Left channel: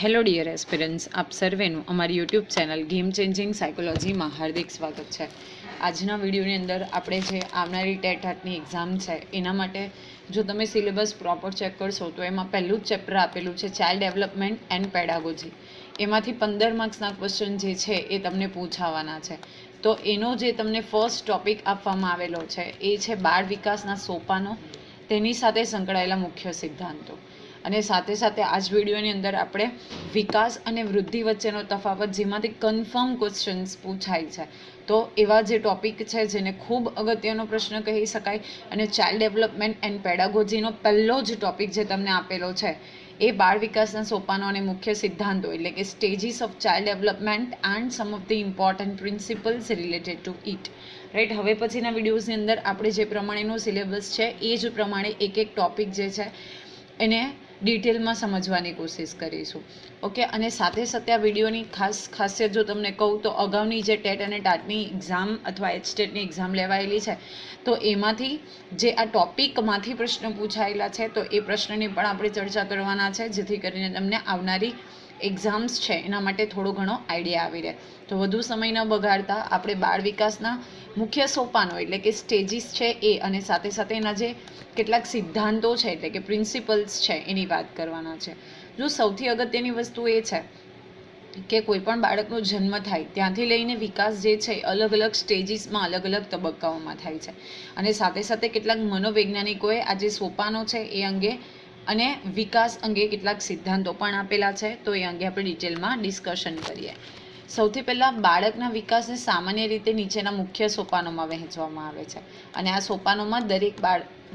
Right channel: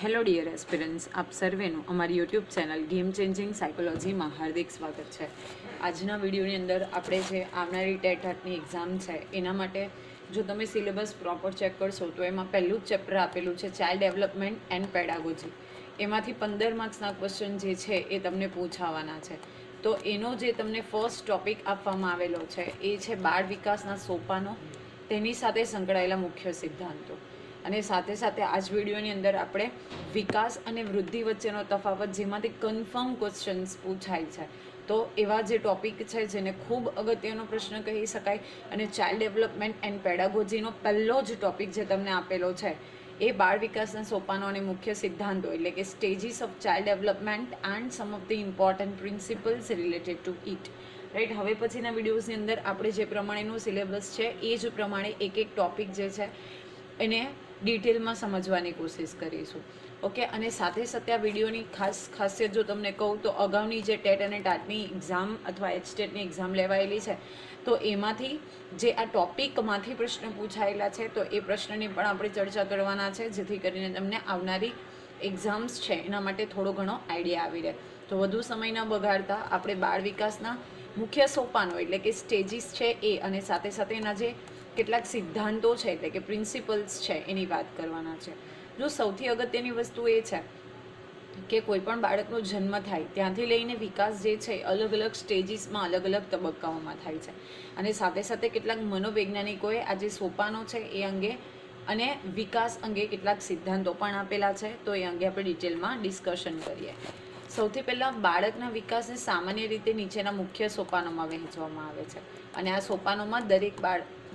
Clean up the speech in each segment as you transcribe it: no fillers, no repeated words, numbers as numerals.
Hello dear aspirants, આપ સર્વેનું અમારી YouTube channel game changing સાયકોલોજીમાં હાર્દિક સ્વાગત છે. આજના વિડીયોની અંદર આપણે જે આવનારી ટેટની એક્ઝામ છે એના માટે જો તમે સિલેબસ પ્રોપર ચેક કરશો તો એમાં પહેલું જ ચેપ્ટર આપેલું છે ચાઇલ્ડ ડેવલપમેન્ટ એન્ડ પેડાગોજી. એમાંથી 15 માર્ક્સના ક્વેશ્ચન જે છે એ તમને પૂછાવાના છે. તો એનો જે તમને ફર્સ્ટ ટોપિક આપવામાં આવેલો છે એ છે બાળ વિકાસના સોપાનો, તેની સાથે સંકળાયેલા મુખ્ય સિદ્ધાંતો. અને સાથે સાથે આ જ વિડીયોની અંદર આપણે વિકાસ અને વૃદ્ધિ વચ્ચેનો તફાવત, જેમાંથી કન્ફર્મ ક્વેશ્ચન્સ પૂછાય છે, તો એવા જે ટોપિક છે જેને ખૂબ અગત્યનો પ્રશ્ન કહી શકાય. અને ચાઇલ્ડ ડેવલપમેન્ટ એન્ડ પેડાગોજીનો પહેલો જ ટોપિક જે તમને આપેલો છે એ બાળ વિકાસના સોપાનો અને મુખ્ય સિદ્ધાંતો, એટલે કે stages of child development and sum of the important principles related to it. Right, હવે પછીના વિડીયોઝની અંદર આપણે જે પ્રમાણેનું સિલેબસ છે એ જ પ્રમાણે એક એક ટોપિક જે છે એને ડિટેલમાં સમજવાની કોશિશ કરીશું. ઓકે, અને સાથે સાથે આ વિડીયોની ખાસિયત જો તમને કહું તો અગાઉની જે ટેટ અને ટાટની એક્ઝામ અથવા એચટેટની એક્ઝામ લેવાયેલી છે તો એમાંથી જે આ ટોપિકમાંથી પ્રશ્ન પૂછાયેલા છે તો એ પ્રશ્નની પણ આપણે ચર્ચા કરવાના છે, જેથી કરીને તમને આવનારી એક્ઝામ્સ છે એના માટે થોડો ઘણો આઈડિયા આવી રહે. તો વધુ સમય ન બગાડતા આપણે બાળ વિકાસના મુખ્ય સોપાનો એટલે કે સ્ટેજીસ છે એ, અને સાથે સાથે એના જે કેટલાક સિદ્ધાંતો છે એટલે કે પ્રિન્સિપલ્સ છે એની વાત કરવાના છે. જો સૌથી અગત્યની વસ્તુ એ છે કે કોઈ પણ બાળકનો જન્મ થાય ત્યાંથી લઈને વિકાસ જે છે અલગ અલગ સ્ટેજીસમાં અલગ અલગ તબક્કાઓમાં થાય છે. અને સાથે સાથે કેટલાક મનોવૈજ્ઞાનિકોએ આ જે સોપાનો છે એ અંગે અને વિકાસ અંગે કેટલાક સિદ્ધાંતો પણ આપેલા છે, તો એ અંગે આપણે ડિટેલમાં ડિસ્કશન કરીએ. સૌથી પહેલાં બાળકના વિકાસને સામાન્ય રીતે નીચેના મુખ્ય સોપાનોમાં વહેંચવામાં આવે છે. અને આ સોપાનોમાં દરેક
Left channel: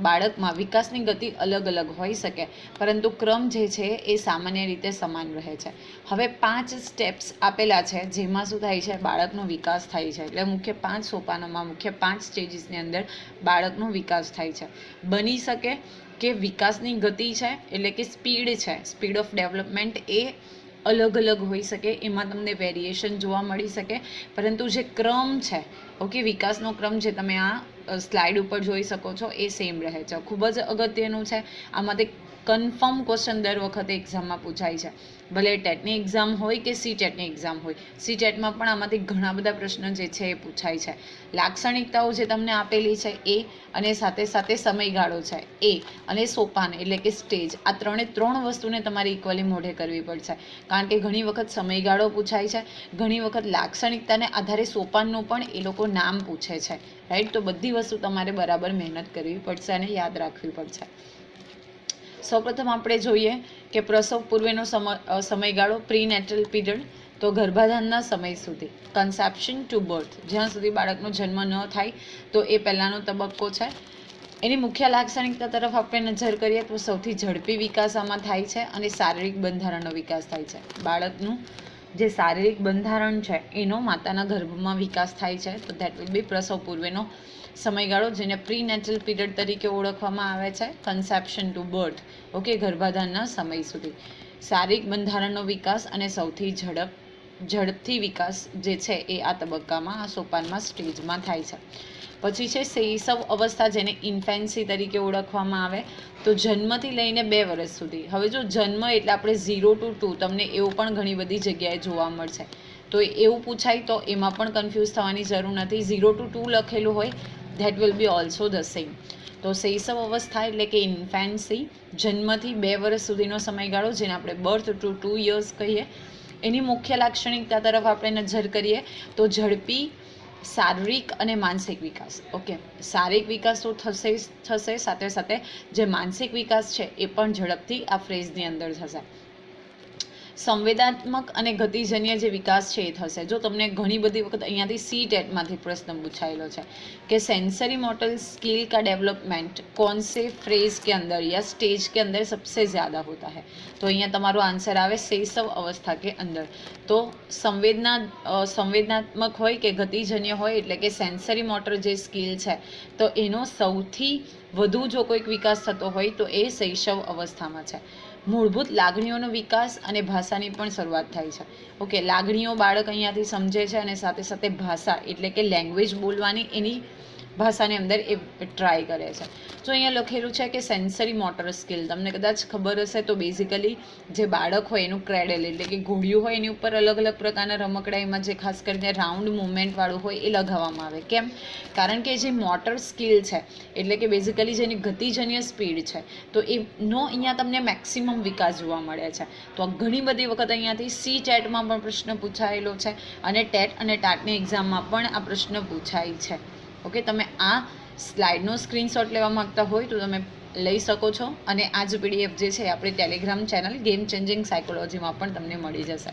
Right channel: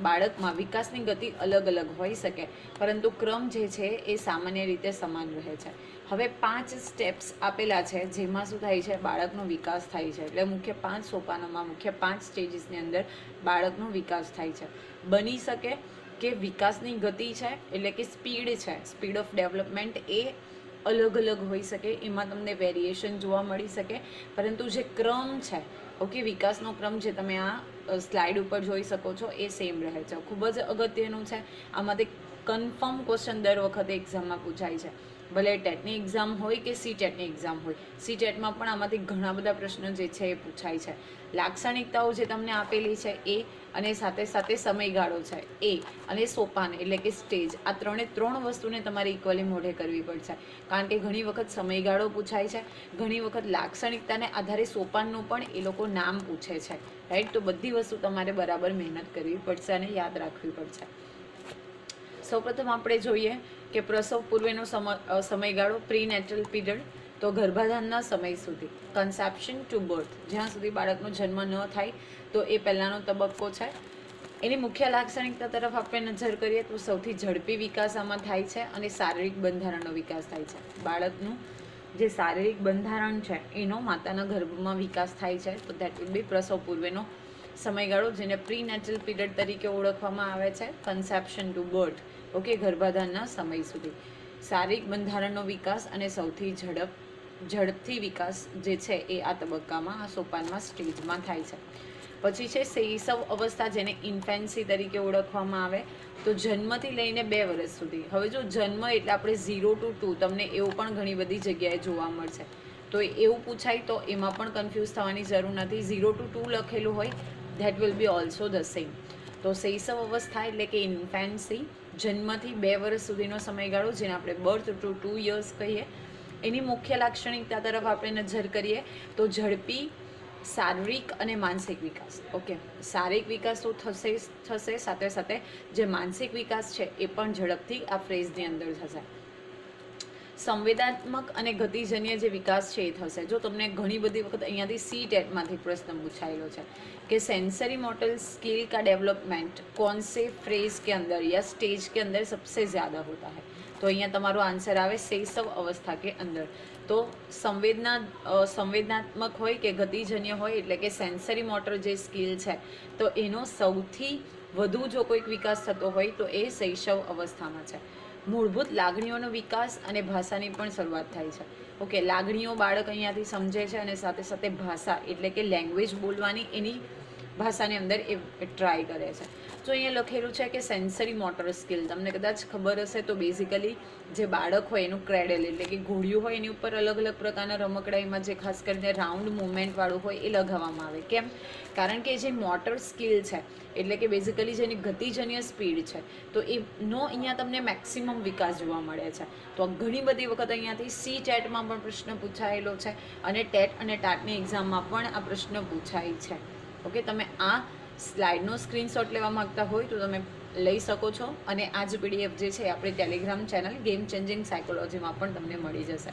બાળકમાં વિકાસની ગતિ અલગ અલગ હોઈ શકે, પરંતુ ક્રમ જે છે એ સામાન્ય રીતે સમાન રહે છે. હવે 5 સ્ટેપ્સ આપેલા છે જેમાં શું થાય છે, બાળકનો વિકાસ થાય છે. એટલે મુખ્ય 5 સોપાનોમાં મુખ્ય 5 સ્ટેજીસની અંદર બાળકનો વિકાસ થાય છે. બની શકે કે વિકાસની ગતિ છે એટલે કે સ્પીડ છે, સ્પીડ ઓફ ડેવલપમેન્ટ એ અલગ અલગ હોઈ શકે, એમાં તમને વેરિએશન જોવા મળી શકે, પરંતુ જે ક્રમ છે, ઓકે, વિકાસનો ક્રમ જે તમે આ સ્લાઇડ ઉપર જોઈ શકો છો એ સેમ રહે છે. ખૂબ જ અગત્યનું છે. આમાંથી કન્ફર્મ ક્વેશ્ચન દર વખતે એક્ઝામમાં પૂછાય છે, ભલે ટેટની એક્ઝામ હોય કે સી ટેટની એક્ઝામ હોય. સી ટેટમાં પણ આમાંથી ઘણા બધા પ્રશ્નો જે છે એ પૂછાય છે. લાક્ષણિકતાઓ જે તમને આપેલી છે એ, અને સાથે સાથે સમયગાળો છે એ, અને સોપાન એટલે કે સ્ટેજ, આ ત્રણ વસ્તુને તમારે ઇક્વલી મોઢે કરવી પડશે. કારણ કે ઘણી વખત સમયગાળો પૂછાય છે, ઘણી વખત લાક્ષણિકતાને આધારે સોપાનનું પણ એ લોકો નામ પૂછે છે. રાઈટ, તો બધી વસ્તુ તમારે બરાબર મહેનત કરવી પડશે અને યાદ રાખવી પડશે. સૌપ્રથમ આપણે જોઈએ કે પ્રસવ પૂર્વેનો સમયગાળો, પ્રીનેટલ પીરિયડ, તો ગર્ભાધાનના સમય સુધી, કન્સેપ્શન ટુ બર્થ, જ્યાં સુધી બાળકનો જન્મ ન થાય તો એ પહેલાંનો તબક્કો છે. એની મુખ્ય લાક્ષણિકતા તરફ આપણે નજર કરીએ તો સૌથી ઝડપી વિકાસ આમાં થાય છે અને શારીરિક બંધારણનો વિકાસ થાય છે. બાળકનું જે શારીરિક બંધારણ છે એનો માતાના ગર્ભમાં વિકાસ થાય છે, તો ધેટ વિલ બી પ્રસવ પૂર્વેનો સમયગાળો, જેને પ્રીનેટલ પીરિયડ તરીકે ઓળખવામાં આવે છે. કન્સેપ્શન ટુ બર્થ, ઓકે, ગર્ભાધાનના સમય સુધી શારીરિક બંધારણનો વિકાસ અને સૌથી ઝડપથી વિકાસ જે છે એ આ તબક્કામાં, આ સોપાનમાં, સ્ટેજમાં થાય છે. પછી છે શૈશવ અવસ્થા, જેને ઇન્ફેન્સી તરીકે ઓળખવામાં આવે, તો જન્મથી લઈને 2 વર્ષ સુધી. હવે જો જન્મ એટલે આપણે 0 to 2, તમને એવું પણ ઘણી બધી જગ્યાએ જોવા મળશે, તો એવું પૂછાય તો એમાં પણ કન્ફ્યુઝ થવાની જરૂર નથી. 0 to 2 લખેલું હોય, that will be also the same. તો શૈશવ અવસ્થા એટલે કે ઇન્ફેન્સી, જન્મથી 2 વર્ષ સુધીનો સમયગાળો, જેને આપણે બર્થ ટુ 2 years કહીએ. એની મુખ્ય લાક્ષણિકતા તરફ આપણે નજર કરીએ તો ઝડપી શારીરિક અને માનસિક વિકાસ. ઓકે, શારીરિક વિકાસ તો થશે, સાથે સાથે જે માનસિક વિકાસ છે એ પણ ઝડપથી આ ફ્રેઝની અંદર થશે. સંવેદનાત્મક અને ગતિજન્ય જે વિકાસ છે એ થશે. જો તમને ઘણી બધી વખત અહીંયાથી સી ટેટમાંથી પ્રશ્ન પૂછાયેલો છે કે सेंसरी मोटर स्किल का डेवलपमेंट कौन से फ्रेज के अंदर या स्टेज के अंदर सबसे ज़्यादा होता है, तो અહીંયા તમારો આન્સર આવે શૈશવ અવસ્થા કે અંદર. તો સંવેદનાત્મક હોય કે ગતિજન્ય હોય એટલે કે સેન્સરી મોટર જે સ્કિલ છે તો એનો સૌથી વધુ જો કોઈક વિકાસ થતો હોય તો એ શૈશવ અવસ્થામાં છે. મૂળભૂત લાગણીઓનો વિકાસ અને ભાષાની પણ શરૂઆત થાય છે. ઓકે, લાગણીઓ બાળક અહીંયાથી સમજે છે અને સાથે સાથે ભાષા એટલે કે લેંગ્વેજ બોલવાની એની ભાષાની અંદર એ ટ્રાય કરે છે. તો અહીંયા લખેલું છે કે સેન્સરી મોટર સ્કિલ. તમને કદાચ ખબર હશે તો બેઝિકલી જે બાળક હોય એનું ક્રેડલ એટલે કે ઘોડિયું હોય એની ઉપર અલગ અલગ પ્રકારના રમકડા એમાં જે ખાસ કરીને રાઉન્ડ મુવમેન્ટવાળું હોય એ લગાવવામાં આવે. કેમ? કારણ કે જે મોટર સ્કિલ છે એટલે કે બેઝિકલી જેની ગતિજન્ય સ્પીડ છે તો એનો અહીંયા તમને મેક્સિમમ વિકાસ જોવા મળે છે. તો ઘણી બધી વખત અહીંયાથી સી ટેટમાં પણ પ્રશ્ન પૂછાયેલો છે અને ટેટ અને ટાટની એક્ઝામમાં પણ આ પ્રશ્ન પૂછાય છે. ઓકે, તમે આ સ્લાઇડનો સ્ક્રીનશોટ લેવા માંગતા હોય તો તમે લઈ શકો છો અને આ જ PDF જે છે આપણી ટેલિગ્રામ ચેનલ ગેમ ચેન્જિંગ સાયકોલોજીમાં પણ તમને મળી જશે.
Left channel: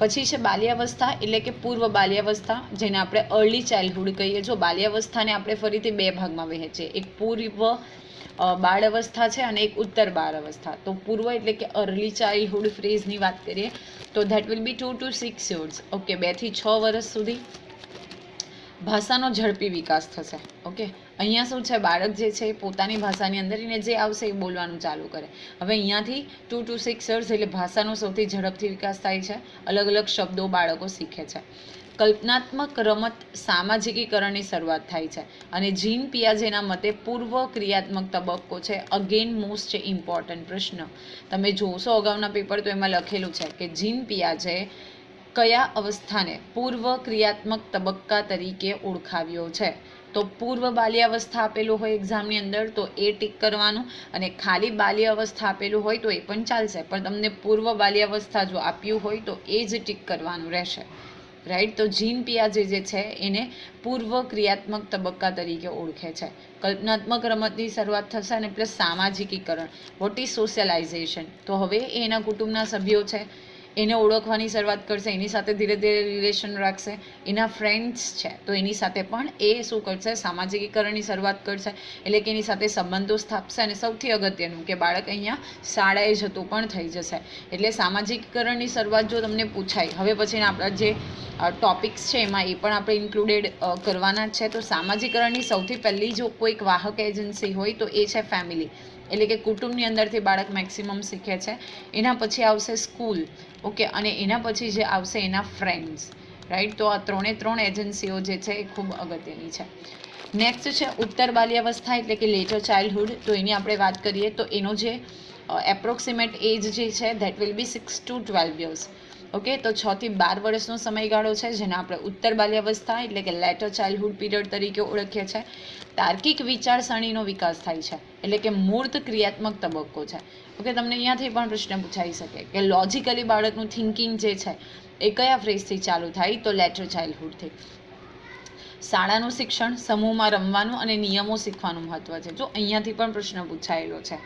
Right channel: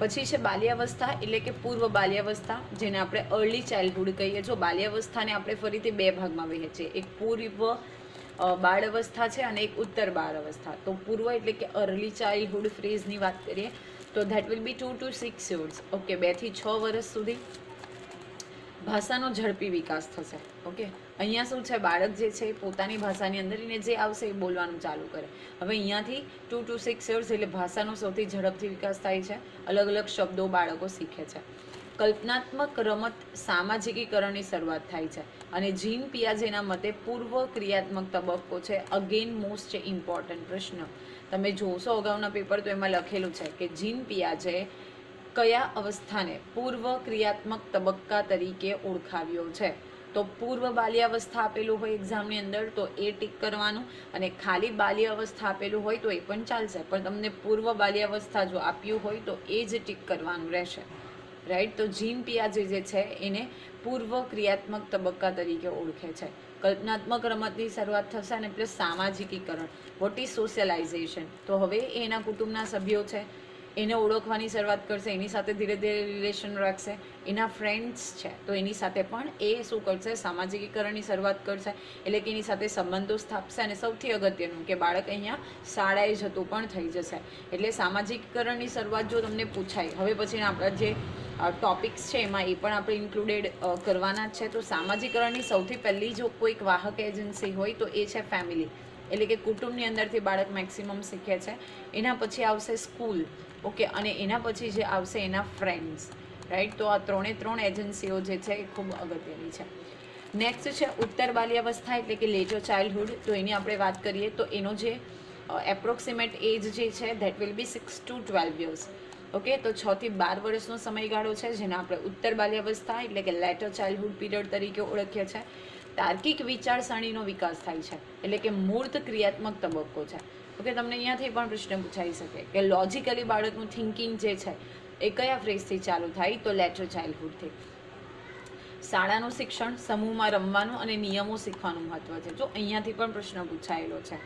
પછી છે બાલ્યાવસ્થા એટલે કે પૂર્વ બાલ્યાવસ્થા, જેને આપણે અર્લી ચાઇલ્ડહુડ કહીએ. જો બાલ્યાવસ્થાને આપણે ફરીથી બે ભાગમાં વહેંચીએ, એક પૂર્વ બાળ અવસ્થા છે અને એક ઉત્તર બાળ અવસ્થા. તો પૂર્વ એટલે કે અર્લી ચાઇલ્ડહુડ ફેઝની વાત કરીએ તો that will B 2 to 6 years. Okay, 2 થી 6 વર્ષ સુધી ભાષાનો ઝડપી વિકાસ થશે. ઓકે, અહીંયા શું છે, બાળક જે છે પોતાની ભાષાની અંદર એને જે આવશે એ બોલવાનું ચાલુ કરે. હવે અહીંયાથી 2 to 6 years એટલે ભાષાનો સૌથી ઝડપથી વિકાસ થાય છે. અલગ અલગ શબ્દો બાળકો શીખે છે. કલ્પનાત્મક રમત સામાજિકીકરણની શરૂઆત થાય છે અને જીન પિયાજેના મતે પૂર્વ ક્રિયાત્મક તબક્કો છે અગેન મોસ્ટ ઇમ્પોર્ટન્ટ પ્રશ્ન. તમે જોશો અગાઉના પેપર તો એમાં લખેલું છે કે જીન પિયાજે કયા અવસ્થાને પૂર્વ ક્રિયાત્મક તબક્કા તરીકે ઓળખાવ્યો છે. તો પૂર્વ બાલ્યાવસ્થા આપેલું હોય એક્ઝામની અંદર તો એ ટીક કરવાનું, અને ખાલી બાલ્ય અવસ્થા આપેલું હોય તો એ પણ ચાલશે, પણ તમને પૂર્વ બાલ્યાવસ્થા જો આપ્યું હોય તો એ જ ટીક કરવાનું રહેશે. રાઈટ, તો જીન પિયાજે જે છે એને પૂર્વ ક્રિયાત્મક તબક્કા તરીકે ઓળખે છે. કલ્પનાત્મક રમતની શરૂઆત થશે અને પ્લસ સામાજિકીકરણ, વોટ ઇઝ સોશિયલાઇઝેશન. તો હવે એના કુટુંબના સભ્યો છે એને ઓળખવાની શરૂઆત કરશે, એની સાથે ધીરે ધીરે રિલેશન રાખશે. એના ફ્રેન્ડ્સ છે તો એની સાથે પણ એ શું કરશે, સામાજિકીકરણની શરૂઆત કરશે, એટલે કે એની સાથે સંબંધો સ્થાપશે. અને સૌથી અગત્યનું કે બાળક અહીંયા શાળાએ જતું પણ થઈ જશે. એટલે સામાજિકીકરણની શરૂઆત જો તમને પૂછાય, હવે પછી આપણા જે ટોપિક્સ છે એમાં એ પણ આપણે ઇન્ક્લુડેડ કરવાના જ છે. તો સામાજિકરણની સૌથી પહેલી જો કોઈક વાહક એજન્સી હોય તો એ છે ફેમિલી, એટલે કે કુટુંબની અંદરથી બાળક મેક્સિમમ શીખે છે. એના પછી આવશે સ્કૂલ. ઓકે, અને એના પછી જે આવશે એના ફ્રેન્ડ્સ. રાઈટ, તો આ ત્રણ એજન્સીઓ જે છે એ ખૂબ અગત્યની છે. નેક્સ્ટ છે ઉત્તર બાલ્યાવસ્થા એટલે કે લેટર ચાઇલ્ડહુડ. તો એની આપણે વાત કરીએ તો એનો જે એપ્રોક્સિમેટ એજ જે છે that will B 6 to 12 years. Okay, તો 6 થી 12 વર્ષનો સમયગાળો છે જેને આપણે ઉત્તર બાલ્યાવસ્થા એટલે કે લેટર ચાઇલ્ડહુડ પીરિયડ તરીકે ઓળખીએ છીએ. તાર્કિક વિચારસરણીનો વિકાસ થાય છે એટલે કે મૂર્ત ક્રિયાત્મક તબક્કો છે. ઓકે, તમને અહીંયાથી પણ પ્રશ્ન પૂછાઈ શકે કે લોજિકલી બાળકનું થિંકિંગ જે છે એ કયા ફેઝથી ચાલુ થાય, તો લેટર ચાઇલ્ડહુડથી. શાળાનું શિક્ષણ, સમૂહમાં રમવાનું અને નિયમો શીખવાનું મહત્વ છે. જો અહીંયાથી પણ પ્રશ્ન પૂછાયેલો છે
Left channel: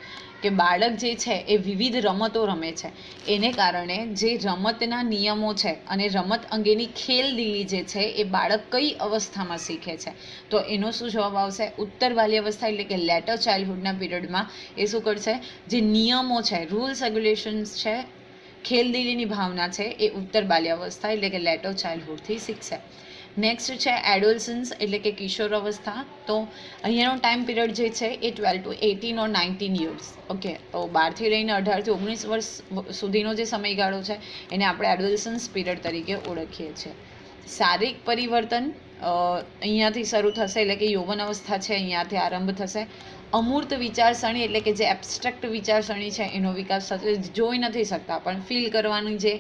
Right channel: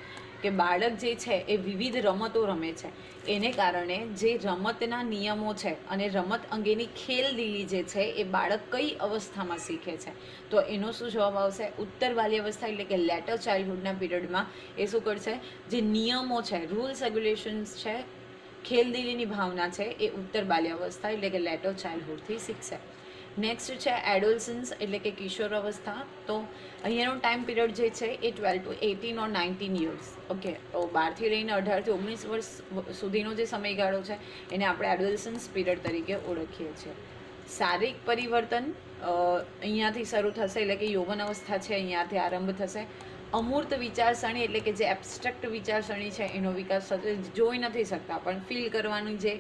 કે બાળક જે છે એ વિવિધ રમતો રમે છે, એને કારણે જે રમતના નિયમો છે અને રમત અંગેની ખેલદિલી જે છે એ બાળક કઈ અવસ્થામાં શીખે છે, તો એનો શું જવાબ આવશે, ઉત્તર બાલ્યાવસ્થા એટલે કે લેટર ચાઇલ્ડહુડના પીરિયડમાં એ શું કરશે, જે નિયમો છે, રૂલ્સ રેગ્યુલેશન્સ છે, ખેલદિલીની ભાવના છે એ ઉત્તર બાલ્યાવસ્થા એટલે કે લેટર ચાઇલ્ડહુડથી શીખશે. નેક્સ્ટ છે એડોલસન્સ એટલે કે કિશોર અવસ્થા. તો અહીંયાનો ટાઈમ પીરિયડ જે છે એ 12 to 18 or 19 years. ઓકે, તો 12થી લઈને 18 થી 19 વર્ષ સુધીનો જે સમયગાળો છે એને આપણે એડોલસન્સ પીરિયડ તરીકે ઓળખીએ છીએ. શારીરિક પરિવર્તન અહીંયાથી શરૂ થશે એટલે કે યૌવન અવસ્થા છે અહીંયાથી આરંભ થશે. અમૂર્ત વિચારસરણી એટલે કે જે એબ્સ્ટ્રેક્ટ વિચારસરણી છે એનો વિકાસ થશે. જોઈ નથી શકતા પણ ફીલ કરવાની જે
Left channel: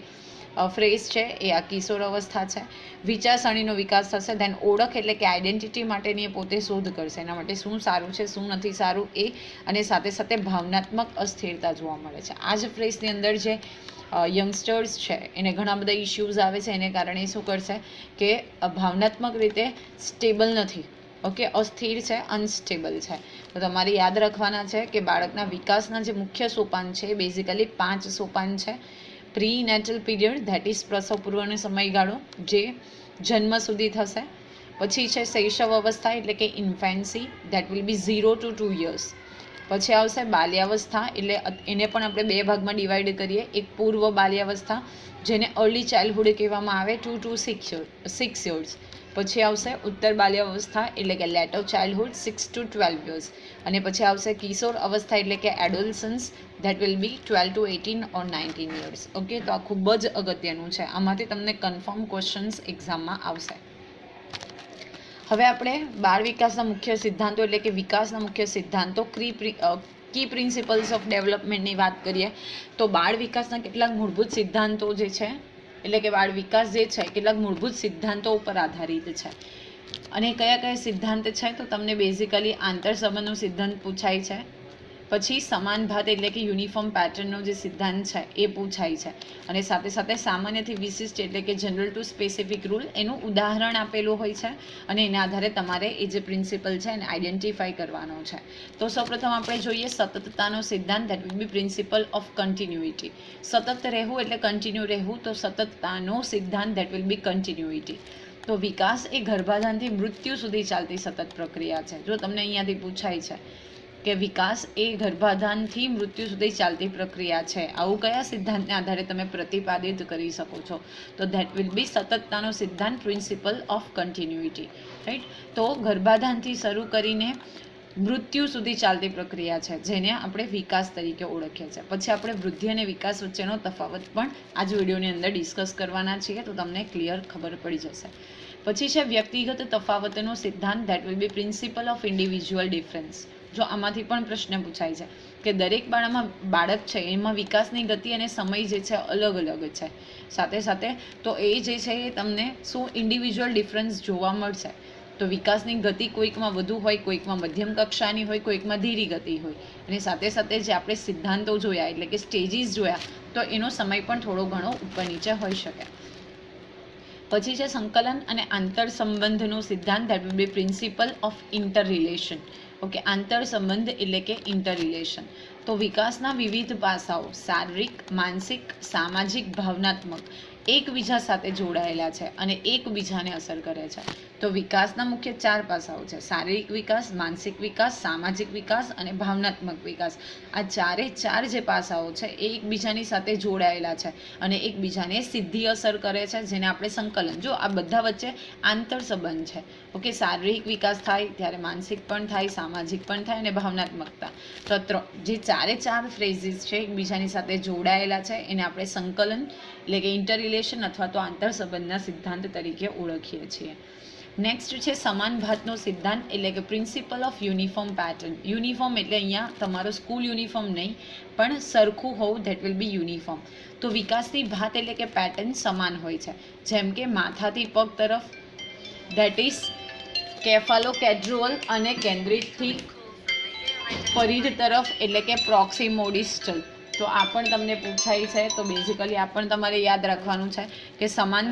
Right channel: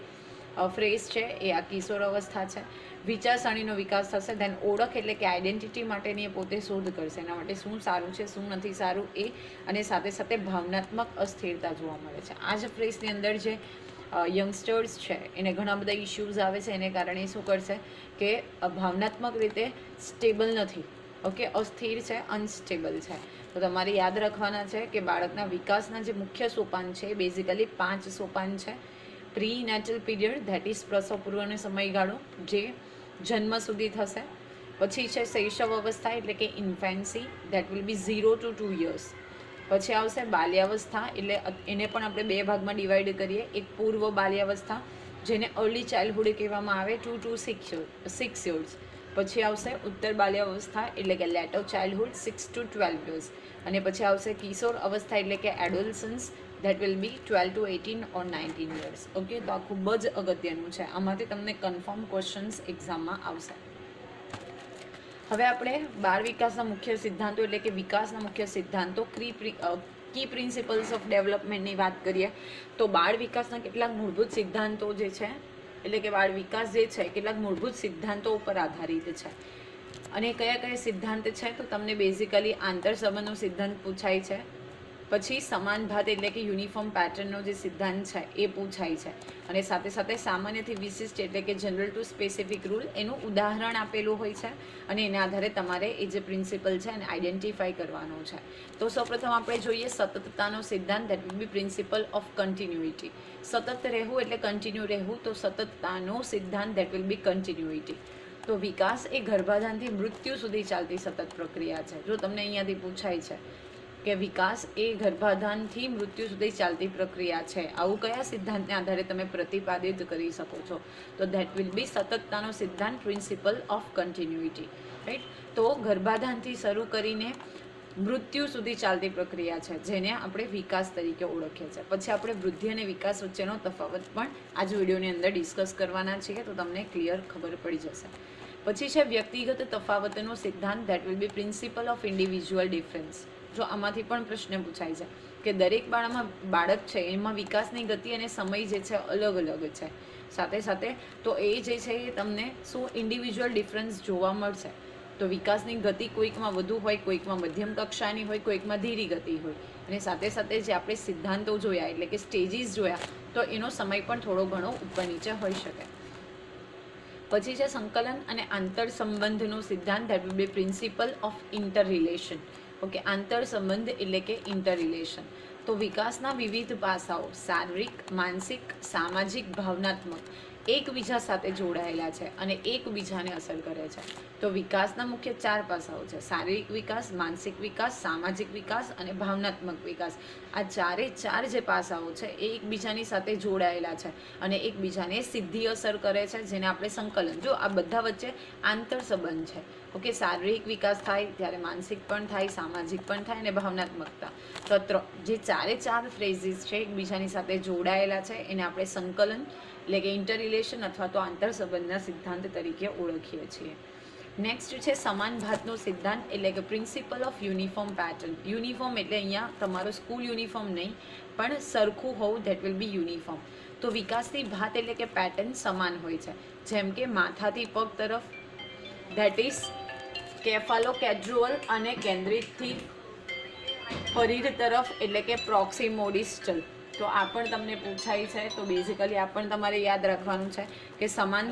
ફ્રેઝ છે એ આ કિશોર અવસ્થા છે. વિચારસરણીનો વિકાસ થશે. ધેન ઓળખ એટલે કે આઈડેન્ટિટી માટેની એ પોતે શોધ કરશે, એના માટે શું સારું છે શું નથી સારું એ, અને સાથે સાથે ભાવનાત્મક અસ્થિરતા જોવા મળે છે. આ જ ફ્રેઝની અંદર જે યંગસ્ટર્સ છે એને ઘણા બધા ઇશ્યુઝ આવે છે, એને કારણે શું કરશે કે ભાવનાત્મક રીતે સ્ટેબલ નથી. ઓકે, અસ્થિર છે, અનસ્ટેબલ છે. તો તમારે યાદ રાખવાના છે કે બાળકના વિકાસના જે મુખ્ય સોપાન છે એ બેઝિકલી 5 સોપાન છે. Prenatal period that is પ્રસવ પૂર્વનો સમયગાળો જે જન્મ સુધી થશે. પછી છે શૈશવ અવસ્થા એટલે કે ઇન્ફેન્સી that will B 0 to 2 years. પછી આવશે બાલ્યાવસ્થા એટલે એને પણ આપણે 2 ભાગમાં ડિવાઈડ કરીએ. એક પૂર્વ બાલ્યાવસ્થા જેને અર્લી ચાઇલ્ડહુડ કહેવામાં આવે 2 to 6 years. પછી આવશે ઉત્તર બાલ્યાવસ્થા એટલે કે લેટર ચાઇલ્ડહુડ 6 to 12 years. અને પછી આવશે કિશોર અવસ્થા એટલે કે adolescence that will be 12 to 18 or 19 years. Okay, તો આ ખૂબ જ અગત્યનું છે. આમાંથી તમને કન્ફર્મ ક્વેશ્ચન્સ એક્ઝામમાં આવશે. હવે આપણે બાળ વિકાસના મુખ્ય સિદ્ધાંતો એટલે કે વિકાસના મુખ્ય સિદ્ધાંતો કી પ્રિન્સિપલ્સ ઓફ ડેવલપમેન્ટની વાત કરીએ તો બાળ વિકાસના કેટલાક મૂળભૂત સિદ્ધાંતો જે છે એટલે કે બાળ વિકાસ જે છે કેટલાક મૂળભૂત સિદ્ધાંતો ઉપર આધારિત છે. અને કયા કયા સિદ્ધાંત છે તો તમને બેઝિકલી આંતર સંબંધનો સિદ્ધાંત પૂછાય છે, પછી સમાન ભાત એટલે કે યુનિફોર્મ પેટર્નનો જે સિદ્ધાંત છે એ પૂછાય છે, અને સાથે સાથે સામાન્યથી વિશિષ્ટ એટલે કે જનરલ ટુ સ્પેસિફિક રૂલ એનું ઉદાહરણ આપેલું હોય છે, અને એના આધારે તમારે એ જે પ્રિન્સિપલ છે એને આઈડેન્ટિફાઈ કરવાનો છે. તો સૌપ્રથમ આપણે જોઈએ સતતતાનો સિદ્ધાંત, that will be principle of continuity. સતત રહેવું એટલે કન્ટિન્યુ રહેવું, તો સતતતાનો સિદ્ધાંત ધેટ વિલ બી કન્ટિન્યુઇટી. તો વિકાસ એ ગર્ભાધાનથી મૃત્યુ સુધી ચાલતી સતત પ્રક્રિયા છે. જો તમને અહીંયાથી પૂછાય છે કે વિકાસ એ ગર્ભાધાનથી મૃત્યુ સુધી ચાલતી પ્રક્રિયા છે, આવું કયા સિદ્ધાંતને આધારે તમે પ્રતિપાદિત કરી શકો છો, તો ધેટ વિલ બી સતતતાનો સિદ્ધાંત, પ્રિન્સિપલ ઓફ કન્ટિન્યુઇટી. રાઈટ. તો ગર્ભાધાનથી શરૂ કરીને મૃત્યુ સુધી ચાલતી પ્રક્રિયા છે જેને આપણે વિકાસ તરીકે ઓળખીએ છીએ. પછી આપણે વૃદ્ધિ અને વિકાસ વચ્ચેનો તફાવત પણ આ જ વિડીયોની અંદર ડિસ્કસ કરવાના છીએ, તો તમને ક્લિયર ખબર પડી જશે. પછી છે વ્યક્તિગત તફાવતનો સિદ્ધાંત, that will be principle of individual difference. જો આમાંથી પણ પ્રશ્ન પૂછાય છે કે દરેક બાળક છે એમાં વિકાસની ગતિ અને સમય જે છે અલગ અલગ છે, સાથે સાથે તો એ જે છે એ તમને શું ઇન્ડિવિજ્યુઅલ ડિફરન્સ જોવા મળશે. તો વિકાસની ગતિ કોઈકમાં વધુ હોય, કોઈકમાં મધ્યમ કક્ષાની હોય, કોઈકમાં ધીરી ગતિ હોય, અને સાથે સાથે જે આપણે સિદ્ધાંતો જોયા એટલે કે સ્ટેજીસ જોયા તો એનો સમય પણ થોડો ઘણો ઉપર નીચે હોઈ શકે. પછી છે સંકલન અને આંતર સંબંધનો સિદ્ધાંત, that will be principle of inter relation. Okay, આંતર સંબંધ એટલે કે ઇન્ટર રિલેશન. તો વિકાસના વિવિધ પાસાઓ શારીરિક, માનસિક, સામાજિક, ભાવનાત્મક એકબીજા સાથે જોડાયેલા છે અને એકબીજાને અસર કરે છે. તો વિકાસના મુખ્ય 4 પાસાઓ છે: શારીરિક વિકાસ, માનસિક વિકાસ, સામાજિક વિકાસ અને ભાવનાત્મક વિકાસ. આ ચારે ચાર જે પાસાઓ છે એ એકબીજાની સાથે જોડાયેલા છે અને એકબીજાને સીધી અસર કરે છે, જેને આપણે સંકલન. જો આ બધા વચ્ચે આંતર સંબંધ છે. ઓકે, શારીરિક વિકાસ થાય ત્યારે માનસિક પણ થાય, સામાજિક પણ થાય અને ભાવનાત્મકતા. તો જે ચારે ચાર ફ્રેઝીસ છે એકબીજાની સાથે જોડાયેલા છે એને આપણે સંકલન એટલે કે ઇન્ટર રિલેશન અથવા તો આંતર સંબંધના સિદ્ધાંત તરીકે ઓળખીએ છીએ. નેક્સ્ટ છે સમાન ભાતનો સિદ્ધાંત એટલે કે principle of uniform pattern. Uniform એટલે અહીંયા તમારું સ્કૂલ યુનિફોર્મ નહીં પણ સરખું હોવું, ધેટ વિલ બી યુનિફોર્મ. તો વિકાસની ભાત એટલે કે પેટર્ન સમાન હોય છે, જેમ કે માથાથી પગ તરફ ધેટ ઇઝ કેફાલોકેડ્રુઅલ અને કેન્દ્રિતથી પરિધ તરફ એટલે કે પ્રોક્સિમોડિસ્ટલ. તો આ પણ તમને પૂછાય છે, તો બેઝિકલી આ પણ તમારે યાદ રાખવાનું છે કે સમાન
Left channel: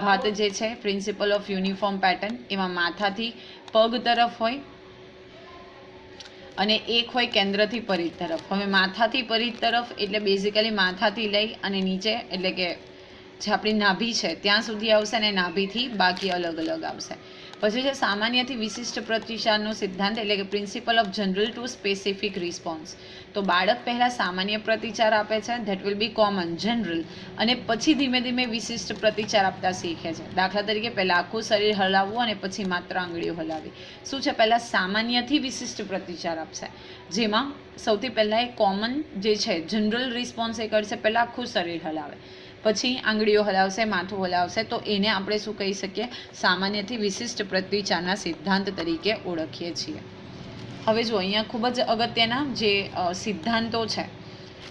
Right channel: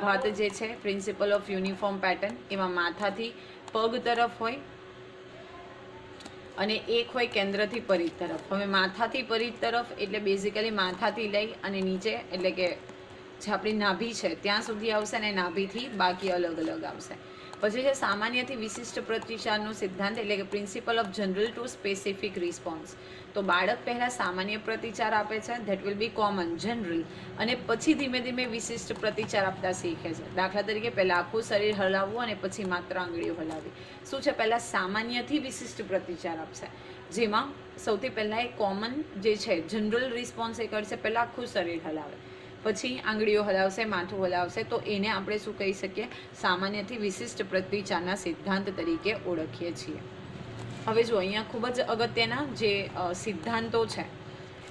ભાત જે છે પ્રિન્સિપલ ઓફ યુનિફોર્મ પેટર્ન એમાં માથાથી પગ તરફ હોય અને એક હોય કેન્દ્રથી પરિધ તરફ. હવે માથાથી પરિધ તરફ એટલે બેઝિકલી માથાથી લઈ અને નીચે એટલે કે જે આપણી નાભી છે ત્યાં સુધી આવશે અને નાભીથી બાકી અલગ અલગ આવશે. પછી છે સામાન્યથી વિશિષ્ટ પ્રતિસાદનો સિદ્ધાંત એટલે કે principle of general to specific response. તો બાળક પહેલાં સામાન્ય પ્રતિચાર આપે છે, that will be common general, અને પછી ધીમે ધીમે વિશિષ્ટ પ્રતિચાર આપતા શીખે છે. દાખલા તરીકે પહેલાં આખું શરીર હલાવવું અને પછી માત્ર આંગળીઓ હલાવવી. શું છે, પહેલાં સામાન્યથી વિશિષ્ટ પ્રતિચાર આપશે, જેમાં સૌથી પહેલાં એ કોમન જે છે જનરલ રિસ્પોન્સ એ કરશે, પહેલાં આખું શરીર હલાવે, પછી આંગળીઓ હલાવશે, માથું હલાવશે. તો એને આપણે શું કહી શકીએ, સામાન્યથી વિશિષ્ટ પ્રતિચારના સિદ્ધાંત તરીકે ઓળખીએ છીએ. હવે જો અહીંયા ખૂબ જ અગત્યના જે સિદ્ધાંતો છે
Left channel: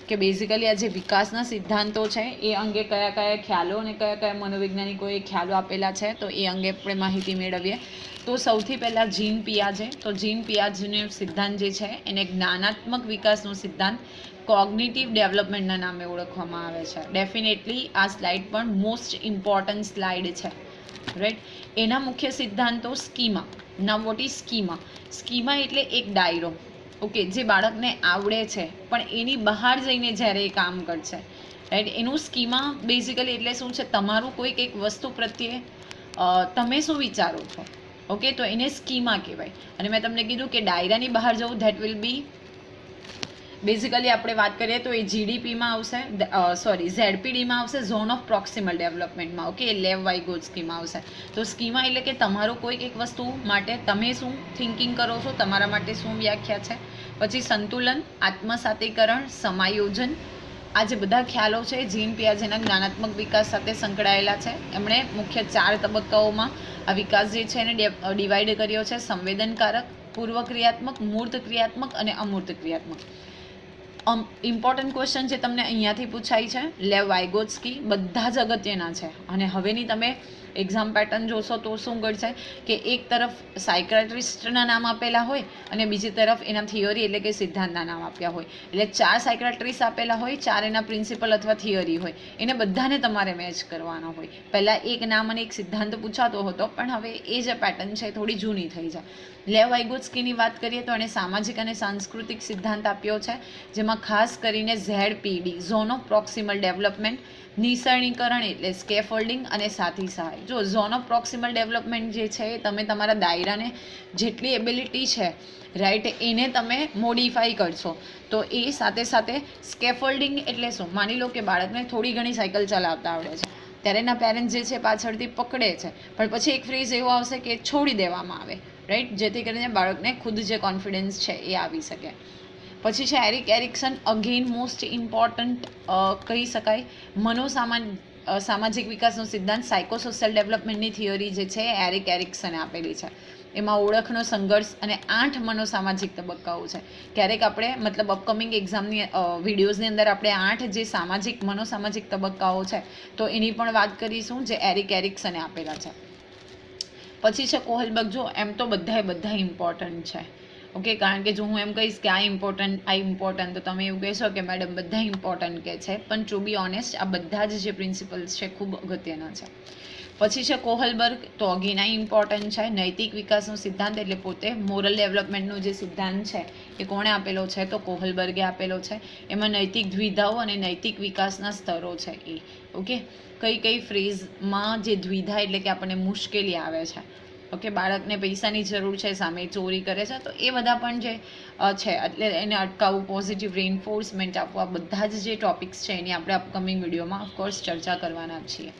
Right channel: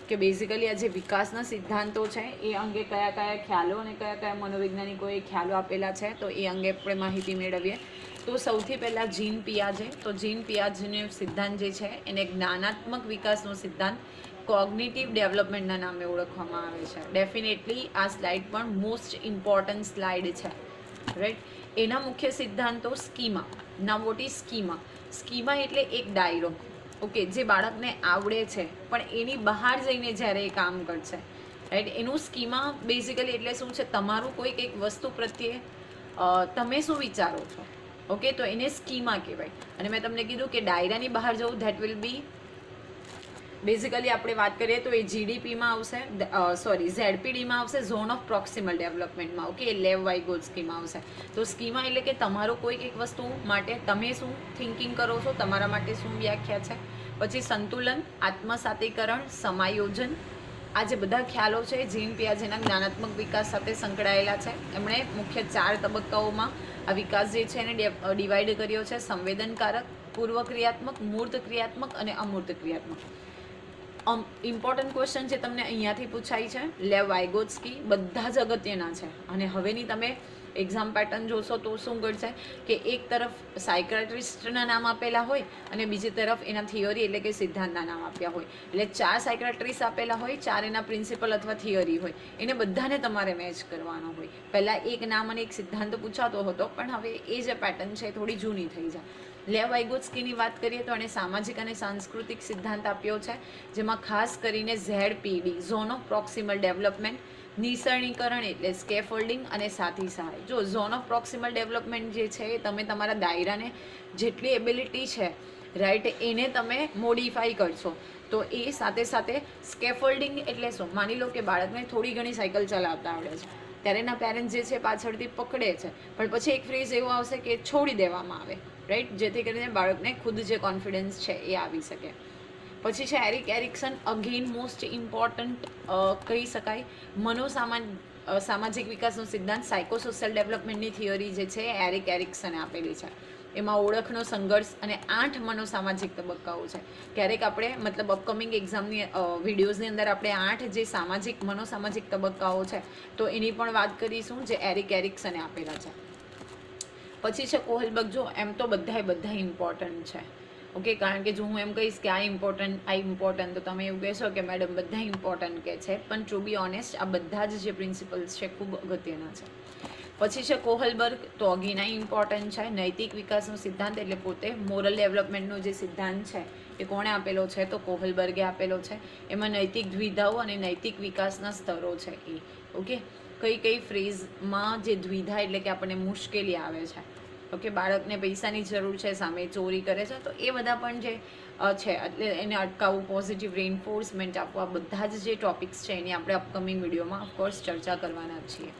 કે બેઝિકલી આ જે વિકાસના સિદ્ધાંતો છે એ અંગે કયા કયા ખ્યાલો અને કયા કયા મનોવૈજ્ઞાનિકોએ ખ્યાલો આપેલા છે તો એ અંગે આપણે માહિતી મેળવીએ. તો સૌથી પહેલાં જીન પિયાજે. તો જીન પિયાજેનો સિદ્ધાંત જે છે એને જ્ઞાનાત્મક વિકાસનો સિદ્ધાંત કોગ્નિટિવ ડેવલપમેન્ટના નામે ઓળખવામાં આવે છે. ડેફિનેટલી આ સ્લાઇડ પણ મોસ્ટ ઇમ્પોર્ટન્ટ સ્લાઇડ છે, રાઈટ. એના મુખ્ય સિદ્ધાંતો schema. Now what is schema? Schema એટલે એક ડાયરો, ઓકે, જે બાળકને આવડે છે પણ એની બહાર જઈને જ્યારે એ કામ કરશે, રાઈટ. એનું સ્કીમા બેઝિકલી એટલે શું છે, તમારું કોઈક એક વસ્તુ પ્રત્યે તમે શું વિચારો છો, ઓકે, તો એને સ્કીમા કહેવાય. અને મેં તમને કીધું કે ડાયરાની બહાર જવું, ધેટ વિલ બી બેઝિકલી આપણે વાત કરીએ તો એ જીડીપીમાં આવશે, ઝેડપીડીમાં આવશે, ઝોન ઓફ પ્રોક્સિમલ ડેવલપમેન્ટમાં, ઓકે, લેવ વાઇગોટ્સ્કીમાં આવશે. તો સ્કીમા એટલે કે તમારો કોઈક એક વસ્તુ માટે તમે શું થિંકિંગ કરો છો, તમારા માટે શું વ્યાખ્યા છે. પછી સંતુલન, આત્મસાતીકરણ, સમાયોજન, આ જે બધા ખ્યાલો છે જીન પિયાજેના જ્ઞાનાત્મક વિકાસ સાથે સંકળાયેલા છે. એમણે મુખ્ય 4 તબક્કાઓમાં આ વિકાસ જે છે એને ડિવાઈડ કર્યો છે: સંવેદનકારક, પૂર્વ ક્રિયાત્મક, મૂર્ત ક્રિયાત્મક અને અમૂર્ત ક્રિયાત્મક. ઇમ્પોર્ટન્ટ ક્વેશ્ચન જે તમને અહીંયાથી પૂછાય છે, લેવ વાઇગોત્સ્કી, બધા જ અગત્યના છે. અને હવેની તમે એક્ઝામ પેટર્ન જોશો તો શું કરશે કે એક તરફ સાયક્રેટિસ્ટના નામ આપેલા હોય અને બીજી તરફ એના થિયરી એટલે કે સિદ્ધાંતના નામ આપ્યા હોય. એટલે 4 સાયક્રેટિસ્ટ આપેલા હોય, 4 એના પ્રિન્સિપલ અથવા થિયરી હોય, એને બધાને તમારે મેચ કરવાનો હોય. પહેલાં એક નામ અને એક સિદ્ધાંત પૂછાતો હતો, પણ હવે એ જે પેટર્ન છે એ થોડી જૂની થઈ જાય. લેવ વાઇગોત્સ્કીની વાત કરીએ તો એણે સામાજિક અને સાંસ્કૃતિક સિદ્ધાંત આપ્યો છે, જેમાં ખાસ કરીને ZPD, zone of proximal development, નિસરણીકરણ એટલે સ્કેફોલ્ડિંગ અને સાથી સહાય. જો ઝોન ઓફ પ્રોક્સિમલ ડેવલપમેન્ટ જે છે એ તમે તમારા દાયરાને જેટલી એબિલિટી છે રાઈટ એને તમે મોડિફાઈ કરશો. તો એ સાથે સાથે સ્કેફોલ્ડિંગ એટલે શું? માની લો કે બાળકને થોડી ઘણી સાયકલ ચલાવતા આવડે છે, ત્યારે એના પેરેન્ટ્સ જે છે પાછળથી પકડે છે, પણ પછી એક ફ્રેઝ એવો આવશે કે છોડી દેવામાં આવે, રાઈટ, જેથી કરીને બાળકને ખુદ જે કોન્ફિડન્સ છે એ આવી શકે. પછી છે Eric Ericsson, again most important કહી શકાય સામાજિક વિકાસનો સિદ્ધાંત, સાયકોસોશિયલ ડેવલપમેન્ટની થિયરી જે છે એરિક એરિક્સને આપેલી છે. એમાં ઓળખનો સંઘર્ષ અને 8 મનોસામાજિક તબક્કાઓ છે. ક્યારેક આપણે મતલબ અપકમિંગ એક્ઝામની વિડીયોઝની અંદર આપણે 8 જે મનોસામાજિક તબક્કાઓ છે તો એની પણ વાત કરીશું જે એરિક એરિક્સને આપેલા છે. પછી છે કોહલબર્ગ. જો એમ તો બધા ઇમ્પોર્ટન્ટ છે, ઓકે, કારણ કે જો હું એમ કહીશ કે આ ઇમ્પોર્ટન્ટ તો તમે એવું કહેશો કે મેડમ બધા ઇમ્પોર્ટન્ટ કે છે, પણ ટુ બી ઓનેસ્ટ આ બધા જ જે પ્રિન્સિપલ્સ છે ખૂબ અગત્યના છે. પછી છે કોહલબર્ગ, તો અગેન આ ઇમ્પોર્ટન્ટ છે. નૈતિક વિકાસનો સિદ્ધાંત એટલે પોતે મોરલ ડેવલપમેન્ટનો જે સિદ્ધાંત છે એ કોણે આપેલો છે? તો કોહલબર્ગે આપેલો છે. એમાં નૈતિક દ્વિધાઓ અને નૈતિક વિકાસના સ્તરો છે એ, ઓકે. કઈ ફ્રેઝમાં જે દ્વિધા એટલે કે આપણને મુશ્કેલી આવે છે, ઓકે, બાળકને પૈસાની જરૂર છે, સામે ચોરી કરે છે, તો એ બધા પણ જે છે એટલે એને અટકાવવું, પોઝિટિવ રેઇન્ફોર્સમેન્ટ આપવું, આ બધા જ જે ટોપિક્સ છે એની આપણે અપકમિંગ વિડીયોમાં ઓફકોર્સ ચર્ચા કરવાના જ છીએ.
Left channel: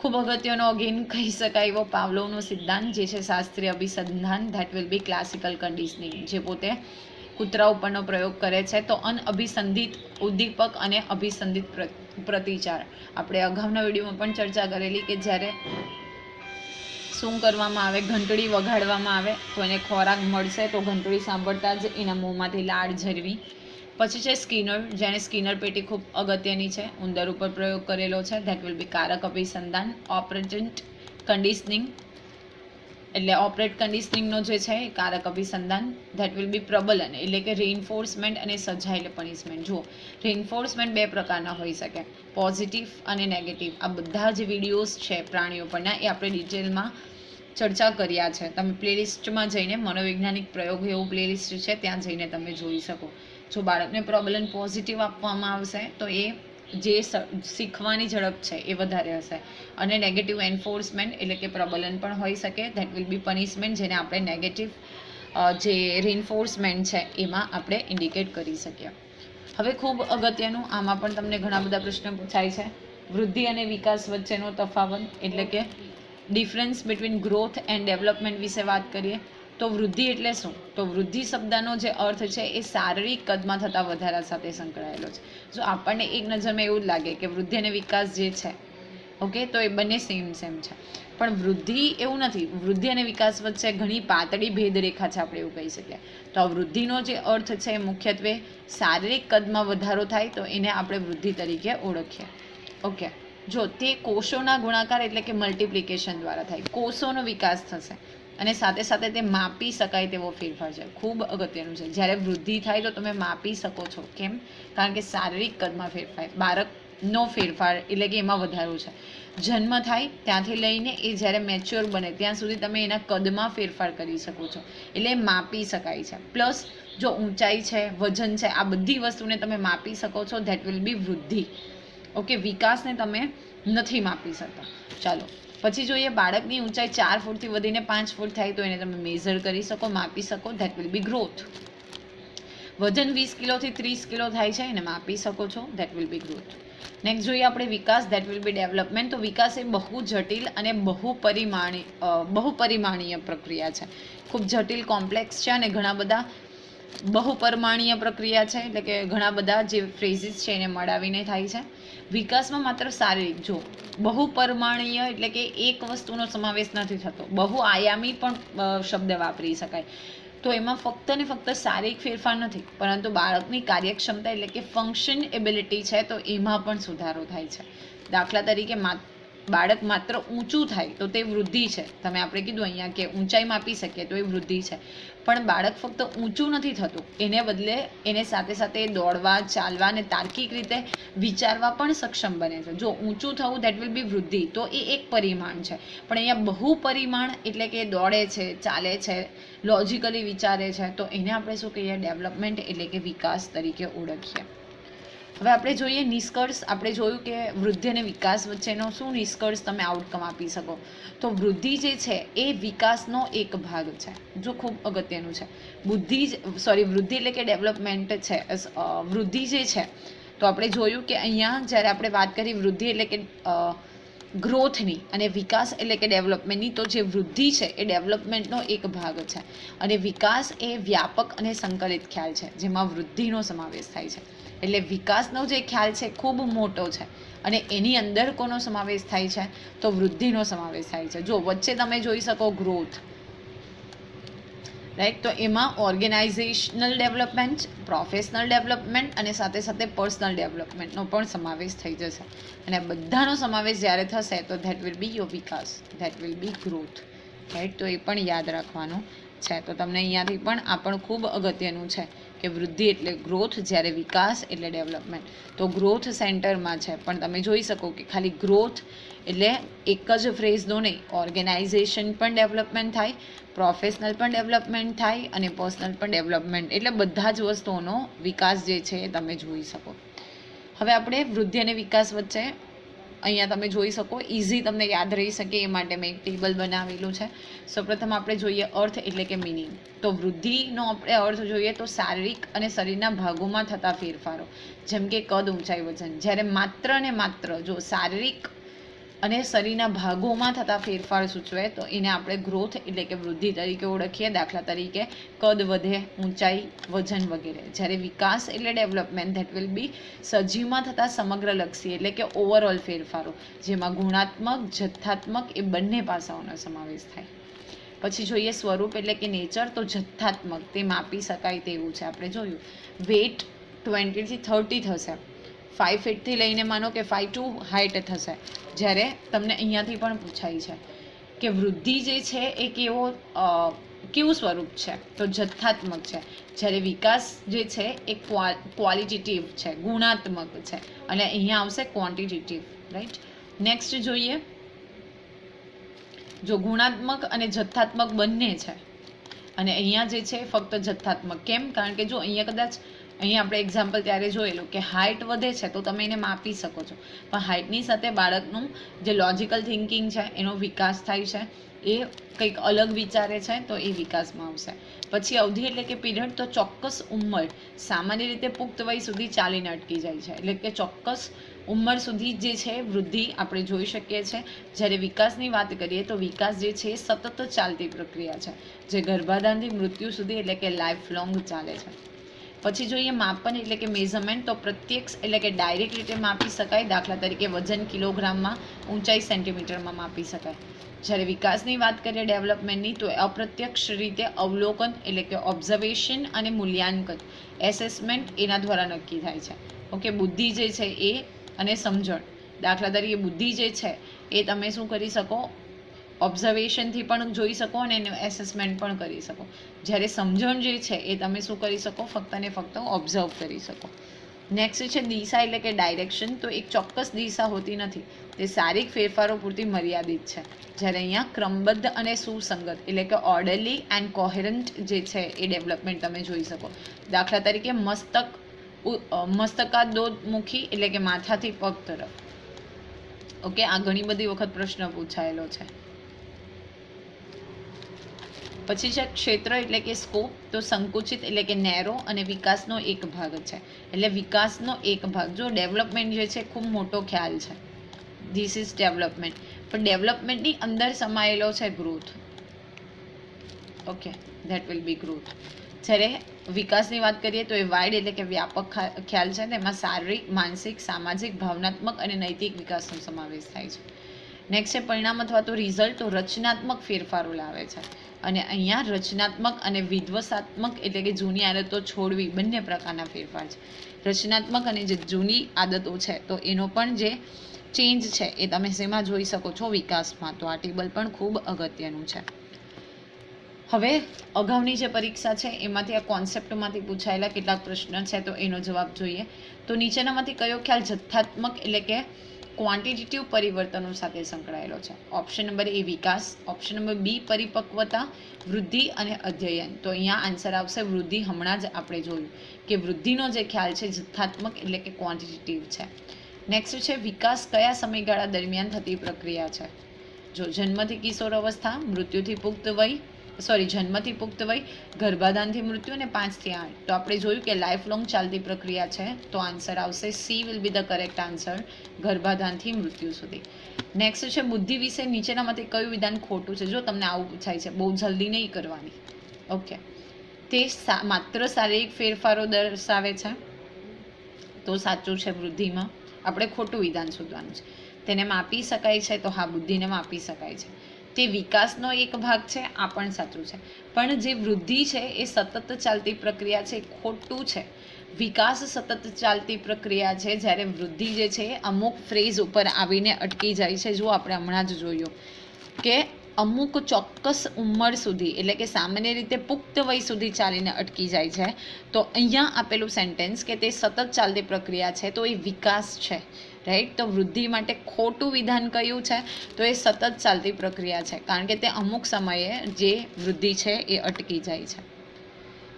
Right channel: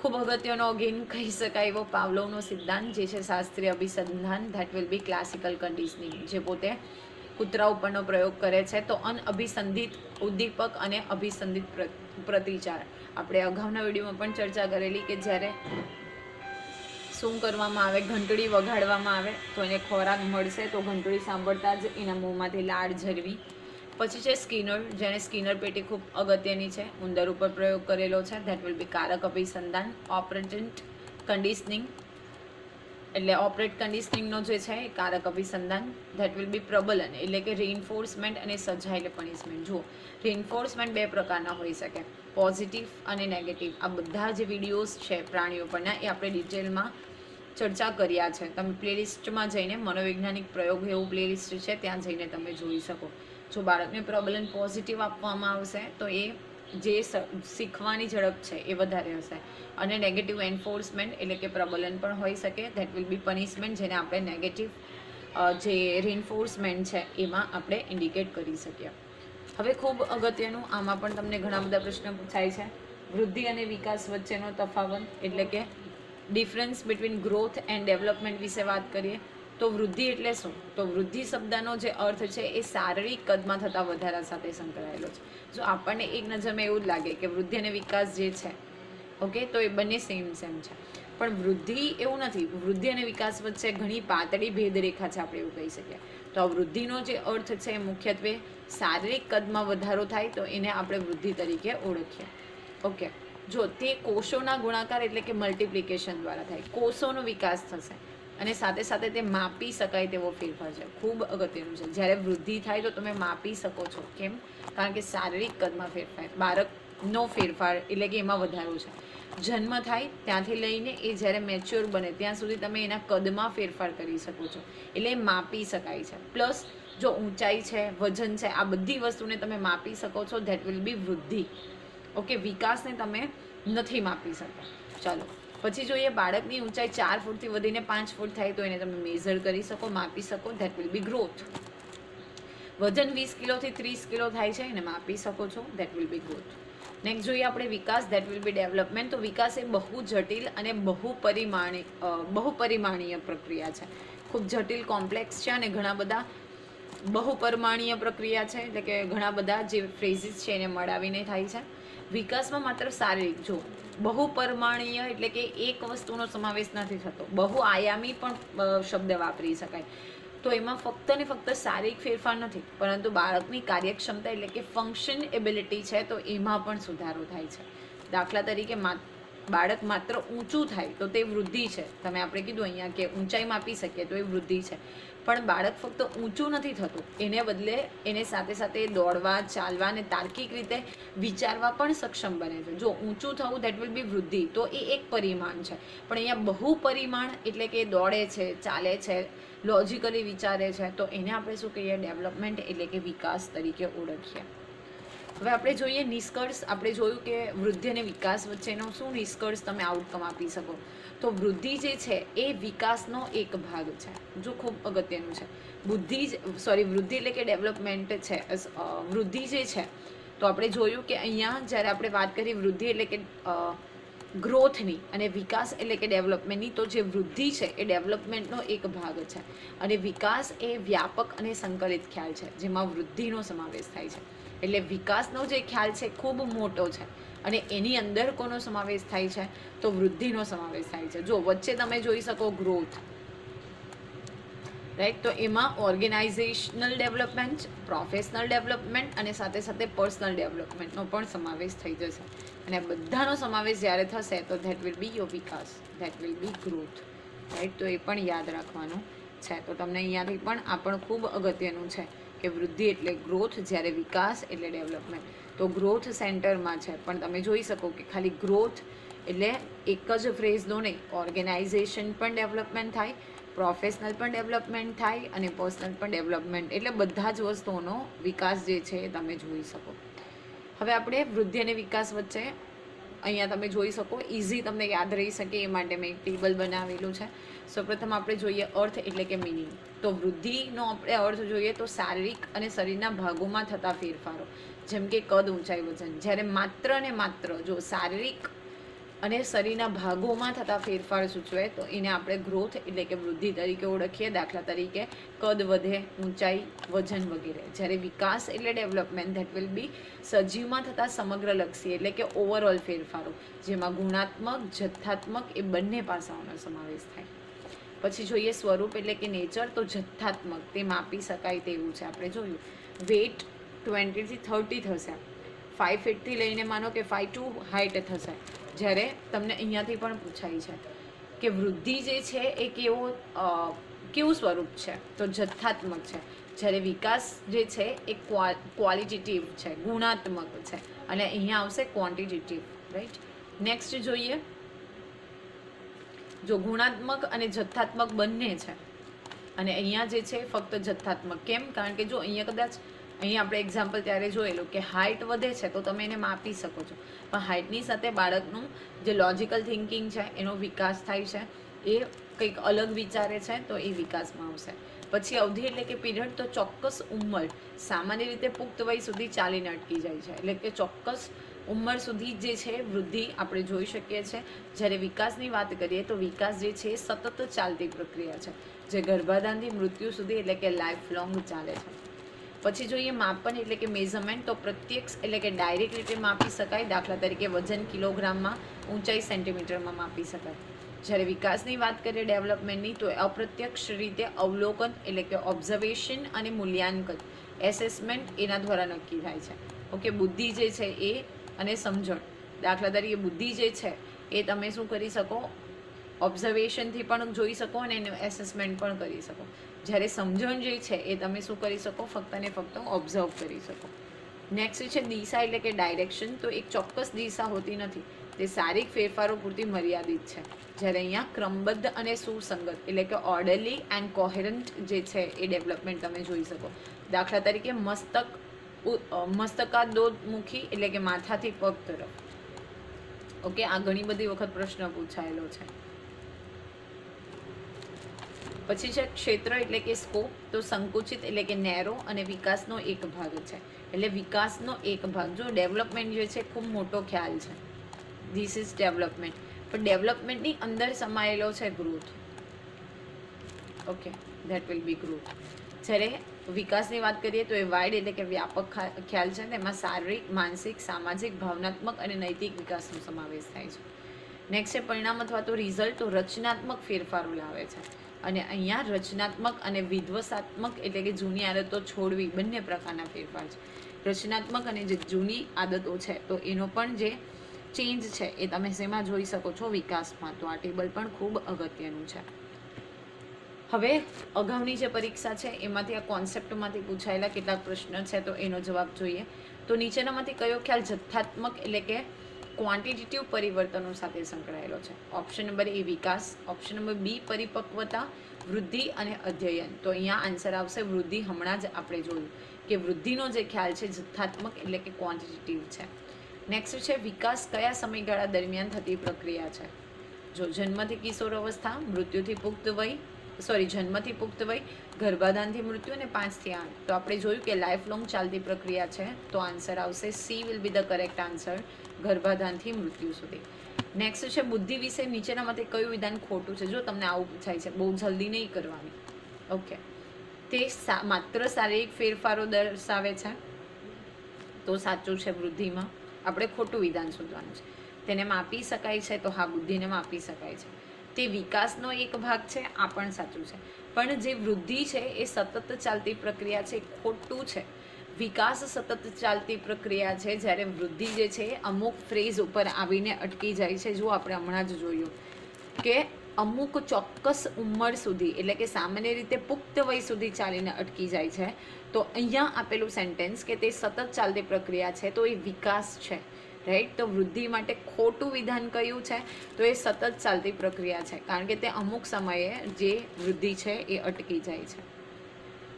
ખૂબ અગત્યનો અગેન કહી શકાય એવો પાવલોવનો સિદ્ધાંત જે છે શાસ્ત્રીય અભિસંધાન, that will B classical conditioning, જે પોતે કૂતરા ઉપરનો પ્રયોગ કરે છે. તો અનઅભિસંધિત ઉદ્દીપક અને અભિસંધિત પ્રતિચાર, આપણે અગાઉના વિડીયોમાં પણ ચર્ચા કરેલી કે જ્યારે શું કરવામાં આવે, ઘંટડી વગાડવામાં આવે તો એને ખોરાક મળશે, તો ઘંટડી સાંભળતા જ એના મોંમાંથી લાળ ઝરવી. પછી છે સ્કિનર, જેને સ્કિનર પેટી ખૂબ અગત્યની છે, ઉંદર ઉપર પ્રયોગ કરેલો છે. ધેટ વિલ બી કારક અભિસંધાન. ઓપરેટન્ટ કન્ડિશનિંગ એટલે ઓપરેટ કન્ડિશનિંગનો જે છે એ કારક અભિસંધાન. ધેટ વિલ બી પ્રબલન એટલે કે રેઇન્ફોર્સમેન્ટ અને સજા એટલે પનિશમેન્ટ. જુઓ, રેઇન્ફોર્સમેન્ટ 2 પ્રકારના હોઈ શકે, પોઝિટિવ અને નેગેટિવ. આ બધા જે વિડીયોઝ છે પ્રાણીઓ પરના એ આપણે ડિટેલમાં ચર્ચા કર્યા છે. તમે પ્લેલિસ્ટમાં જઈને મનોવૈજ્ઞાનિક પ્રયોગ એવું પ્લેલિસ્ટ છે ત્યાં જઈને તમે જોઈ શકો. જો બાળકને પ્રબલન પોઝિટિવ આપવામાં આવશે તો એ જે શીખવાની ઝડપ છે એ વધારે હશે, અને નેગેટિવ એન્ફોર્સમેન્ટ એટલે કે પ્રબલન પણ હોઈ શકે. ધેટ વિલ બી પનિશમેન્ટ, જેને આપણે નેગેટિવ જે રેઇન્ફોર્સમેન્ટ છે એમાં આપણે ઇન્ડિકેટ કરી શકીએ. હવે ખૂબ અગત્યનું, આમાં પણ તમને ઘણા બધા પ્રશ્નો પૂછાય છે, વૃદ્ધિ અને વિકાસ વચ્ચેનો તફાવત એટલે કે difference between growth and development વિશે વાત કરીએ તો વૃદ્ધિ એટલે શું? તો વૃદ્ધિ શબ્દનો જે અર્થ છે એ શારીરિક કદમાં થતા વધારા સાથે સંકળાયેલો છે. જો આપણને એક નજરમાં એવું જ લાગે કે વૃદ્ધિ અને વિકાસ જે છે, ઓકે, તો એ બંને સેમ છે, પણ વૃદ્ધિ એવું નથી. વૃદ્ધિ અને વિકાસ વચ્ચે ઘણી પાતળી ભેદરેખા છે, આપણે એવું કહી શકીએ. તો આ વૃદ્ધિનો જે અર્થ છે મુખ્યત્વે શારીરિક કદમાં વધારો થાય તો એને આપણે વૃદ્ધિ તરીકે ઓળખીએ, ઓકે. જો તે કોષોના ગુણાકાર એટલે કે મલ્ટિપ્લિકેશન દ્વારા થાય, કોષોનો વિકાસ થશે અને સાથે સાથે તે માપી શકાય તેવો ફેરફાર છે. ખૂબ અગત્યનું છે, જ્યારે વૃદ્ધિ થાય તો તમે માપી શકો છો. કેમ? કારણ કે શારીરિક કદમાં ફેરફાર, બાળકનો ફેરફાર એટલે કે એમાં વધારો છે. જન્મ થાય ત્યાંથી લઈને એ જ્યારે મેચ્યોર બને ત્યાં સુધી તમે એના કદમાં ફેરફાર કરી શકો છો, એટલે માપી શકાય છે. પ્લસ જો ઊંચાઈ છે, વજન છે, આ બધી વસ્તુને તમે માપી શકો છો. ધેટ વિલ બી વૃદ્ધિ, ઓકે. વિકાસને તમે નથી માપી શકતા. ચાલો પછી જોઈએ, બાળકની ઊંચાઈ 4 ફૂટથી વધીને 5 ફૂટ થાય તો એને તમે મેઝર કરી શકો, માપી શકો. That will B growth. વજન 20 કિલોથી 30 કિલો થાય છે, એને માપી શકો છો. That will B growth. Next જોઈએ આપણે વિકાસ, ધેટ વિલ બી ડેવલપમેન્ટ. તો વિકાસ એ બહુ જટિલ અને બહુપરિમાણીય પ્રક્રિયા છે, ખૂબ જટિલ, કોમ્પ્લેક્સ છે અને ઘણા બધા બહુપરિમાણીય પ્રક્રિયા છે, એટલે કે ઘણા બધા જે ફ્રેઝિસ છે એને મળાવીને થાય છે. વિકાસમાં માત્ર શારીરિક, જો બહુપરિમાણીય એટલે કે એક વસ્તુનો સમાવેશ નથી થતો, બહુઆયામી પણ શબ્દ વાપરી શકાય. તો એમાં ફક્ત ને ફક્ત શારીરિક ફેરફાર નથી, પરંતુ બાળકની કાર્યક્ષમતા એટલે કે ફંક્શન એબિલિટી છે તો એમાં પણ સુધારો થાય છે. દાખલા તરીકે બાળક માત્ર ઊંચું થાય તો તે વૃદ્ધિ છે. તમે આપણે કીધું અહીંયા કે ઊંચાઈ માપી શકીએ તો એ વૃદ્ધિ છે, પણ બાળક ફક્ત ઊંચું નથી થતું, એને બદલે એને સાથે સાથે દોડવા, ચાલવા અને તાર્કિક રીતે વિચારવા પણ સક્ષમ બને છે. જો ઊંચું થવું દેટ વિલ બી વૃદ્ધિ, તો એ એક પરિમાણ છે. પણ અહીંયા બહુપરિમાણ એટલે કે દોડે છે, ચાલે છે, લોજિકલી વિચારે છે, તો એને આપણે શું કહીએ? ડેવલપમેન્ટ એટલે કે વિકાસ તરીકે ઓળખીએ. હવે આપણે જોઈએ નિષ્કર્ષ. આપણે જોયું કે વૃદ્ધિ અને વિકાસ વચ્ચેનો શું નિષ્કર્ષ તમે આઉટકમ આપી શકો. તો વૃદ્ધિ જે છે એ વિકાસનો એક ભાગ છે. જો ખૂબ અગત્યનું છે. વૃદ્ધિ એટલે કે ડેવલપમેન્ટ છે. વૃદ્ધિ જે છે તો આપણે જોયું કે અહીંયા જ્યારે આપણે વાત કરી વૃદ્ધિ એટલે કે ગ્રોથની અને વિકાસ એટલે કે ડેવલપમેન્ટની, તો જે વૃદ્ધિ છે એ ડેવલપમેન્ટનો એક ભાગ છે અને વિકાસ એ વ્યાપક અને સંકલિત ખ્યાલ છે જેમાં વૃદ્ધિનો સમાવેશ થાય છે. એટલે વિકાસનો જે ખ્યાલ છે ખૂબ મોટો છે અને એની અંદર કોનો સમાવેશ થાય છે? તો વૃદ્ધિનો સમાવેશ થાય છે. જો વચ્ચે તમે જોઈ શકો ગ્રોથ, રાઈટ, તો એમાં ઓર્ગેનાઇઝેશનલ ડેવલપમેન્ટ, પ્રોફેશનલ ડેવલપમેન્ટ અને સાથે સાથે પર્સનલ ડેવલપમેન્ટનો પણ સમાવેશ થઈ જશે. અને બધાનો સમાવેશ જ્યારે થશે તો that will B your Vikas, that will B growth, right. તો એ પણ યાદ રાખવાનું છે. તો તમને અહીંયાથી પણ આ પણ ખૂબ અગત્યનું છે કે વૃદ્ધિ એટલે ગ્રોથ, જ્યારે વિકાસ એટલે ડેવલપમેન્ટ. તો ગ્રોથ સેન્ટરમાં છે, પણ તમે જોઈ શકો કે ખાલી ગ્રોથ એટલે એક જ ફ્રેઝનો નહીં, ઓર્ગેનાઇઝેશન પણ ડેવલપમેન્ટ થાય, પ્રોફેશનલ પણ ડેવલપમેન્ટ થાય અને પર્સનલ પણ ડેવલપમેન્ટ, એટલે બધા જ વસ્તુઓનો વિકાસ જે છે એ તમે જોઈ શકો. હવે આપણે વૃદ્ધિ અને વિકાસ વચ્ચે અહીંયા તમે જોઈ શકો, ઇઝી તમને યાદ રહી શકે એ માટે મેં એક ટેબલ બનાવેલું છે. સૌપ્રથમ આપણે જોઈએ અર્થ એટલે કે મિનિંગ. તો વૃદ્ધિનો આપણે અર્થ જોઈએ તો શારીરિક અને શરીરના ભાગોમાં થતા ફેરફારો, જેમ કે કદ, ઊંચાઈ, વજન. જ્યારે માત્ર ને માત્ર જો શારીરિક અને શરીરના ભાગોમાં થતા ફેરફાર સૂચવે તો એને આપણે ગ્રોથ એટલે કે વૃદ્ધિ તરીકે ઓળખીએ. દાખલા તરીકે કદ વધે, ઊંચાઈ, વજન વગેરે. જ્યારે વિકાસ એટલે ડેવલપમેન્ટ, ધેટ વિલ બી સજીવમાં થતા સમગ્રલક્ષી એટલે કે ઓવરઓલ ફેરફારો, જેમાં ગુણાત્મક, જથ્થાત્મક એ બંને પાસાઓનો સમાવેશ થાય. પછી જોઈએ સ્વરૂપ એટલે કે નેચર. તો જથ્થાત્મક, તે માપી શકાય તેવું છે. આપણે જોયું વેટ 20 થી 30 થશે, 5 ફીટથી લઈને માનો કે 5 હાઇટ થશે. જ્યારે તમને અહીંયાથી પણ પૂછાય છે કે વૃદ્ધિ જે છે એ કેવું સ્વરૂપ છે? તો જથ્થાત્મક છે. જ્યારે વિકાસ જે છે એ ક્વોલિટેટિવ છે, ગુણાત્મક છે, અને અહીંયા આવશે ક્વોન્ટિટેટિવ, રાઈટ. નેક્સ્ટ જોઈએ, જો ગુણાત્મક અને જથ્થાત્મક બંને છે અને અહીંયા જે છે ફક્ત જથ્થાત્મક. કેમ? કારણ કે જો અહીંયા કદાચ અહીંયા આપણે એક્ઝામ્પલ ત્યારે જોયેલું કે હાઇટ વધે છે તો તમે એને માપી શકો છો, પણ હાઇટની સાથે બાળકનું જે લોજિકલ થિંકિંગ છે એનો વિકાસ થાય છે, એ કંઈક અલગ વિચારે છે તો એ વિકાસમાં આવશે. પછી અવધિ એટલે કે પીરિયડ. તો ચોક્કસ ઉંમર સામાન્ય રીતે પુખ્ત વય સુધી ચાલીને અટકી જાય છે, એટલે કે ચોક્કસ ઉંમર સુધી જે છે વૃદ્ધિ આપણે જોઈ શકીએ છીએ. જ્યારે વિકાસની વાત કરીએ તો વિકાસ જે છે એ સતત ચાલતી પ્રક્રિયા છે, જે ગર્ભાધાનથી મૃત્યુ સુધી એટલે કે લાઈફ લોંગ ચાલે છે. પછી જોઈએ માપન એટલે કે મેઝરમેન્ટ. તો પ્રત્યક્ષ એટલે કે ડાયરેક્ટ રીતે માપી શકાય. દાખલા તરીકે વજન કિલોગ્રામમાં, ઊંચાઈ સેન્ટીમીટરમાં માપી શકાય. જ્યારે વિકાસની વાત કરીએ ડેવલપમેન્ટની, તો અપ્રત્યક્ષ રીતે અવલોકન એટલે કે ઓબ્ઝર્વેશન અને મૂલ્યાંકન, એસેસમેન્ટ એના દ્વારા નક્કી થાય છે. ઓકે, બુદ્ધિ જે છે એ અને સમજણ. દાખલા તરીકે બુદ્ધિ જે છે એ તમે શું કરી શકો? ઓબ્ઝર્વેશનથી પણ જોઈ શકો અને એનું એસેસમેન્ટ પણ કરી શકો. જ્યારે સમજણ જે છે એ તમે શું કરી શકો? ફક્ત ને ફક્ત ઓબ્ઝર્વ કરી શકો. નેક્સ્ટ છે દિશા એટલે કે ડાયરેક્શન. તો એક ચોક્કસ દિશા હોતી નથી, તે શારીરિક ફેરફારો પૂરતી મર્યાદિત છે. જ્યારે અહીંયા ક્રમબદ્ધ અને સુસંગત એટલે કે ઓર્ડરલી એન્ડ કોહેરન્ટ જે છે એ ડેવલપમેન્ટ તમે જોઈ શકો. દાખલા તરીકે મસ્તકાદોન્મુખી એટલે કે માથાથી પગ તરફ. ઓકે, આ ઘણી બધી વખત પ્રશ્ન પૂછાયેલો છે. પછી છે ક્ષેત્ર એટલે કે સ્કોપ. તો સંકુચિત એટલે કે નેરો અને વિકાસનો એક ભાગ છે, એટલે વિકાસનો એક ભાગ. જો ડેવલપમેન્ટ જે છે ખૂબ મોટો ખ્યાલ છે, ધીસ ઇઝ ડેવલપમેન્ટ, પણ ડેવલપમેન્ટની અંદર સમાયેલો છે growth. Okay, that will B growth. જ્યારે વિકાસની વાત કરીએ તો એ વાઇડ એટલે કે વ્યાપક ખ્યાલ છે. તેમાં શારીરિક, માનસિક, સામાજિક, ભાવનાત્મક અને નૈતિક વિકાસનો સમાવેશ થાય છે. નેક્સ્ટ છે પરિણામ અથવા તો રિઝલ્ટ. તો રચનાત્મક ફેરફારો લાવે છે. અને અહીંયા રચનાત્મક અને વિધ્વસાત્મક એટલે કે જૂની આદતો છોડવી બંને પ્રકારના ફેરફાર છે. રચનાત્મક અને જે જૂની આદતો છે તો એનો પણ જે ચેન્જ છે એ તમે શેમાં જોઈ શકો છો? વિકાસમાં. તો આ ટેબલ પણ ખૂબ અગત્યનું છે. હવે અગાઉની જે પરીક્ષા છે એમાંથી આ કોન્સેપ્ટમાંથી પૂછાયેલા કેટલાક પ્રશ્ન છે તો એનો જવાબ જોઈએ. તો નીચેનામાંથી કયો ખ્યાલ જથ્થાત્મક એટલે કે ક્વોન્ટિટેટિવ પરિવર્તનો સાથે સંકળાયેલો છે? ઓપ્શન નંબર એ વિકાસ, ઓપ્શન નંબર બી પરિપક્વતા, વૃદ્ધિ અને અધ્યયન. તો અહીંયા આન્સર આવશે વૃદ્ધિ. હમણાં જ આપણે જોયું કે વૃદ્ધિનો જે ખ્યાલ છે જથ્થાત્મક એટલે કે ક્વોન્ટિટેટિવ છે. નેક્સ્ટ છે વિકાસ કયા સમયગાળા દરમિયાન થતી પ્રક્રિયા છે? જો જન્મથી કિશોર અવસ્થા, મૃત્યુથી પુખ્ત વય, જન્મથી પુખ્ત વય, ગર્ભાધાનથી મૃત્યુ અને 5 થી 8. તો આપણે જોયું કે લાઈફ લોંગ ચાલતી પ્રક્રિયા છે. તો આન્સર આવશે C will be the correct answer, ગર્ભાધાનથી મૃત્યુ સુધી. નેક્સ્ટ છે બુદ્ધિ વિશે નીચેનામાંથી કયું વિધાન ખોટું છે? જો તમને આવું પૂછાય છે, બહુ જલ્દી નહીં કરવાની. ઓકે, તે માત્ર શારીરિક ફેરફારો દર્શાવે છે. તો સાચું છે. વૃદ્ધિમાં આપણે ખોટું વિધાન શોધવાનું છે. તેને માપી શકાય છે? તો હા, બુદ્ધિને માપી શકાય છે. તે વિકાસનો એક ભાગ છે? આ પણ સાચું છે. પણ જે વૃદ્ધિ છે એ સતત ચાલતી પ્રક્રિયા છે, ખોટું છે. વિકાસ સતત ચાલતી પ્રક્રિયા છે, જ્યારે વૃદ્ધિ જે છે એ અમુક ફ્રેઝ ઉપર આવીને અટકી જાય છે. જો આપણે હમણાં જ જોયું કે અમુક ચોક્કસ ઉંમર સુધી એટલે કે સામાન્ય રીતે પુખ્ત વય સુધી ચાલીને અટકી જાય છે. તો અહીંયા આપેલું સેન્ટેન્સ કે તે સતત ચાલતી પ્રક્રિયા છે તો એ વિકાસ છે. રાઈટ. તો વૃદ્ધિ માટે ખોટું વિધાન કયું છે? તો એ સતત ચાલતી પ્રક્રિયા છે, કારણ કે તે અમુક સમયે જે વૃદ્ધિ છે એ અટકી જાય છે.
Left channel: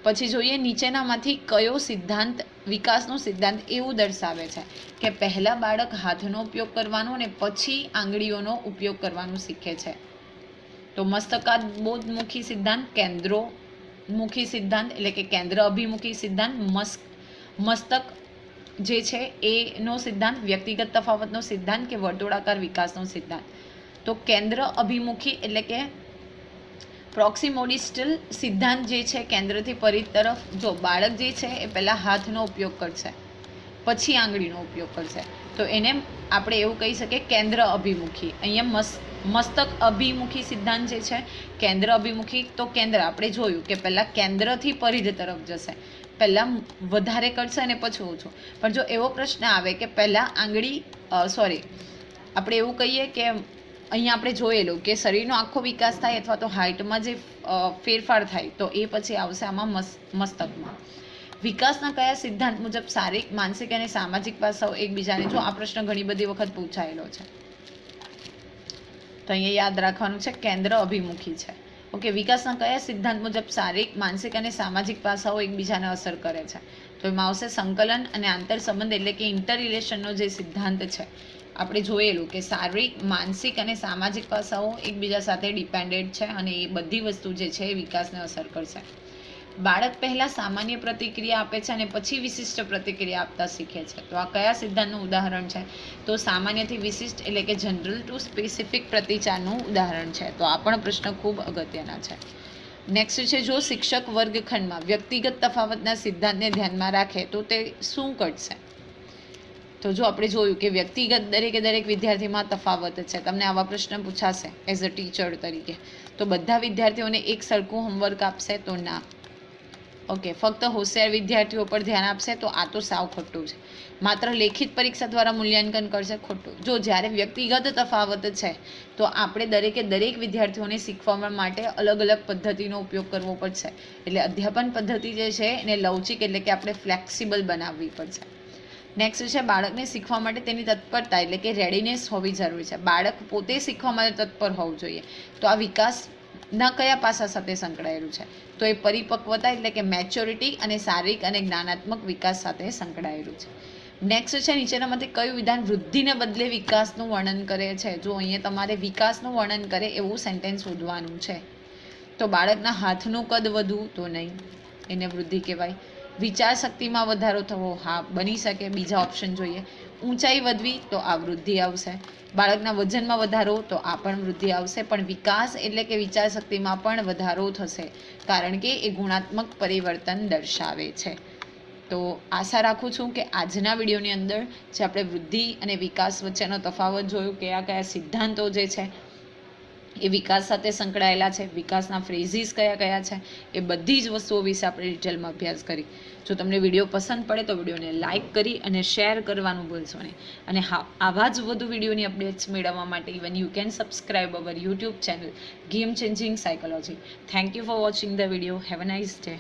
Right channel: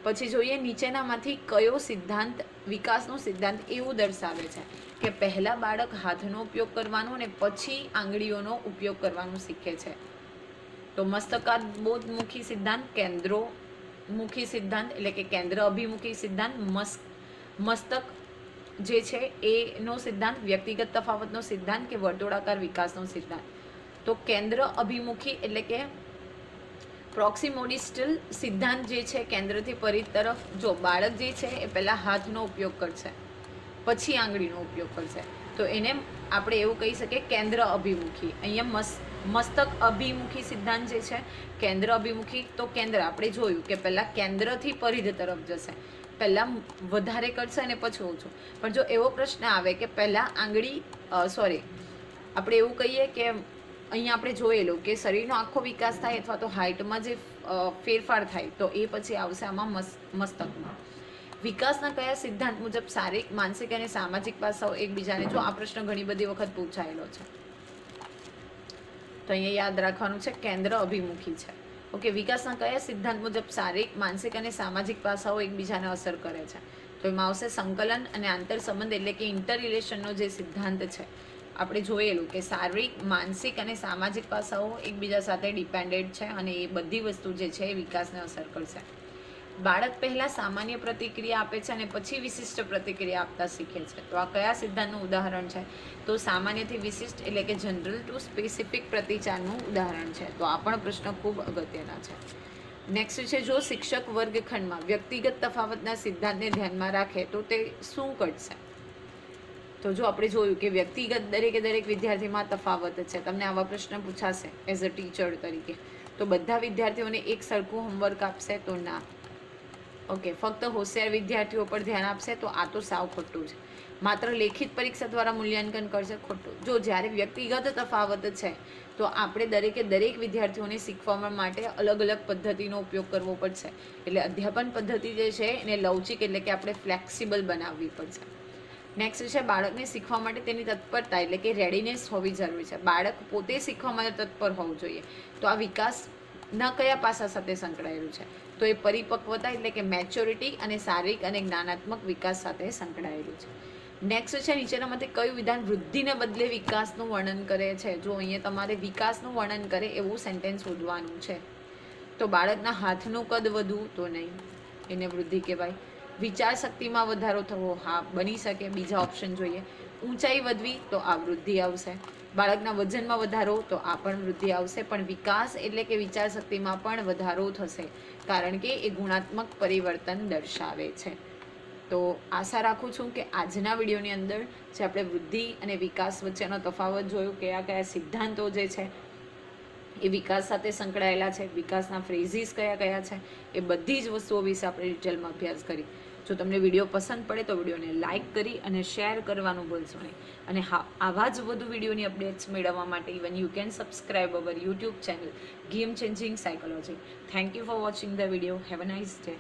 પછી જોઈએ નીચેનામાંથી કયો સિદ્ધાંત વિકાસનો સિદ્ધાંત એવું દર્શાવે છે કે પહેલાં બાળક હાથનો ઉપયોગ કરવાનો અને પછી આંગળીઓનો ઉપયોગ કરવાનું શીખે છે? તો મસ્તકાબોધમુખી સિદ્ધાંત, કેન્દ્રોમુખી સિદ્ધાંત એટલે કે કેન્દ્ર અભિમુખી સિદ્ધાંત, મસ્તક જે છે એનો સિદ્ધાંત, વ્યક્તિગત તફાવતનો સિદ્ધાંત કે વર્તુળાકાર વિકાસનો સિદ્ધાંત? તો કેન્દ્ર અભિમુખી એટલે કે પ્રોક્સિમોડિસ્ટલ સિદ્ધાંત જે છે કેન્દ્રથી પરિધ તરફ. જો બાળક જે છે એ પહેલાં હાથનો ઉપયોગ કરશે પછી આંગળીનો ઉપયોગ કરશે તો એને આપણે એવું કહી શકીએ કેન્દ્ર અભિમુખી. અહીંયા મસ્તક અભિમુખી સિદ્ધાંત જે છે કેન્દ્ર અભિમુખી. તો કેન્દ્ર આપણે જોયું કે પહેલાં કેન્દ્રથી પરિધ તરફ જશે, પહેલાં વધારે કરશે અને પછી ઓછું. પણ જો એવો પ્રશ્ન આવે કે પહેલાં આંગળી આપણે એવું કહીએ કે અહીંયા આપણે જોયેલું કે શરીરનો આખો વિકાસ થાય અથવા તો હાઇટમાં જે ફેરફાર થાય તો એ પછી આવશે આમાં મસ્તકમાં. વિકાસના કયા સિદ્ધાંત મુજબ શારીરિક, માનસિક અને સામાજિક પાસાઓ એકબીજાને? જો આ પ્રશ્ન ઘણી બધી વખત પૂછાયેલો છે તો અહીંયા યાદ રાખવાનું છે કેન્દ્ર અભિમુખી છે. ઓકે, વિકાસના કયા સિદ્ધાંત મુજબ શારીરિક, માનસિક અને સામાજિક પાસાઓ એકબીજાને અસર કરે છે? તો એમાં આવશે સંકલન અને આંતર સંબંધ એટલે કે ઇન્ટર રિલેશનનો જે સિદ્ધાંત છે. આપણે જોયેલું કે શારીરિક, માનસિક અને સામાજિક પાસાઓ એકબીજા સાથે ડિપેન્ડેડ છે અને એ બધી વસ્તુ જે છે એ વિકાસને અસર કરશે. બાળક પહેલાં સામાન્ય પ્રતિક્રિયા આપે છે અને પછી વિશિષ્ટ પ્રતિક્રિયા આપતા શીખે છે. તો આ કયા સિદ્ધાંતનું ઉદાહરણ છે? તો સામાન્યથી વિશિષ્ટ એટલે કે જનરલ ટુ સ્પેસિફિક પ્રતિચારનું ઉદાહરણ છે. તો આ પણ પ્રશ્ન ખૂબ અગત્યના છે. નેક્સ્ટ છે જો શિક્ષક વર્ગખંડમાં વ્યક્તિગત તફાવતના સિદ્ધાંતને ધ્યાનમાં રાખે તો તે શું કરશે? તો જો આપણે જોયું કે વ્યક્તિગત દરેક વિદ્યાર્થીમાં તફાવત છે. તમને આવા પ્રશ્ન પૂછાશે એઝ અ ટીચર તરીકે તો બધા વિદ્યાર્થીઓને એક સરખું હોમવર્ક આપશે? તો ના. ઓકે, ફક્ત હોશિયાર વિદ્યાર્થીઓ પર ધ્યાન આપશે? તો આ તો સાવ ખોટું છે. માત્ર લેખિત પરીક્ષા દ્વારા મૂલ્યાંકન કરશે? ખોટું. જો જ્યારે વ્યક્તિગત તફાવત છે તો આપણે દરેક વિદ્યાર્થીઓને શીખવા માટે અલગ અલગ પદ્ધતિનો ઉપયોગ કરવો પડશે. એટલે અધ્યાપન પદ્ધતિ જે છે એને લવચિક એટલે કે આપણે ફ્લેક્સિબલ બનાવવી પડશે. નેક્સ્ટ છે બાળકને શીખવા માટે તેની તત્પરતા એટલે કે રેડીનેસ હોવી જરૂરી છે. બાળક પોતે શીખવા માટે તત્પર હોવું જોઈએ. તો આ વિકાસના કયા પાસા સાથે સંકળાયેલું છે? તો એ પરિપક્વતા એટલે કે મેચ્યોરિટી અને શારીરિક અને જ્ઞાનાત્મક વિકાસ સાથે સંકળાયેલું છે. નેક્સ્ટ છે નીચેનામાંથી કયું વિધાન વૃદ્ધિને બદલે વિકાસનું વર્ણન કરે છે? જો અહીંયા તમારે વિકાસનું વર્ણન કરે એવું સેન્ટેન્સ શોધવાનું છે. તો બાળકના હાથનું કદ વધવું? તો નહીં, એને વૃદ્ધિ કહેવાય. વિચાર શક્તિમાં વધારો થવો? હા, બની શકે. બીજા ઓપ્શન જોઈએ. ઊંચાઈ વધવી તો આ વૃદ્ધિ આવશે, બાળકના વજનમાં વધારો તો આ પણ વૃદ્ધિ આવશે, પણ વિકાસ એટલે કે વિચાર શક્તિમાં પણ વધારો થશે, કારણ કે એ ગુણાત્મક પરિવર્તન દર્શાવે છે. તો આશા રાખું છું કે આજના વિડીયોની અંદર જે આપણે વૃદ્ધિ અને વિકાસ વચ્ચેનો તફાવત જોયો, કયા કયા સિદ્ધાંતો જે છે એ વિકાસ સાથે સંકળાયેલા છે, વિકાસના ફ્રેઝીસ કયા કયા છે, એ બધી જ વસ્તુઓ વિશે આપણે ડિટેલમાં અભ્યાસ કરી. જો તમને વિડીયો પસંદ પડે તો વિડીયોને લાઇક કરી અને શેર કરવાનું ભૂલશો નહીં. અને હા, આવા જ વધુ વિડીયોની અપડેટ્સ મેળવવા માટે even you can subscribe our YouTube channel game changing psychology. Thank you for watching the video. Have a nice day.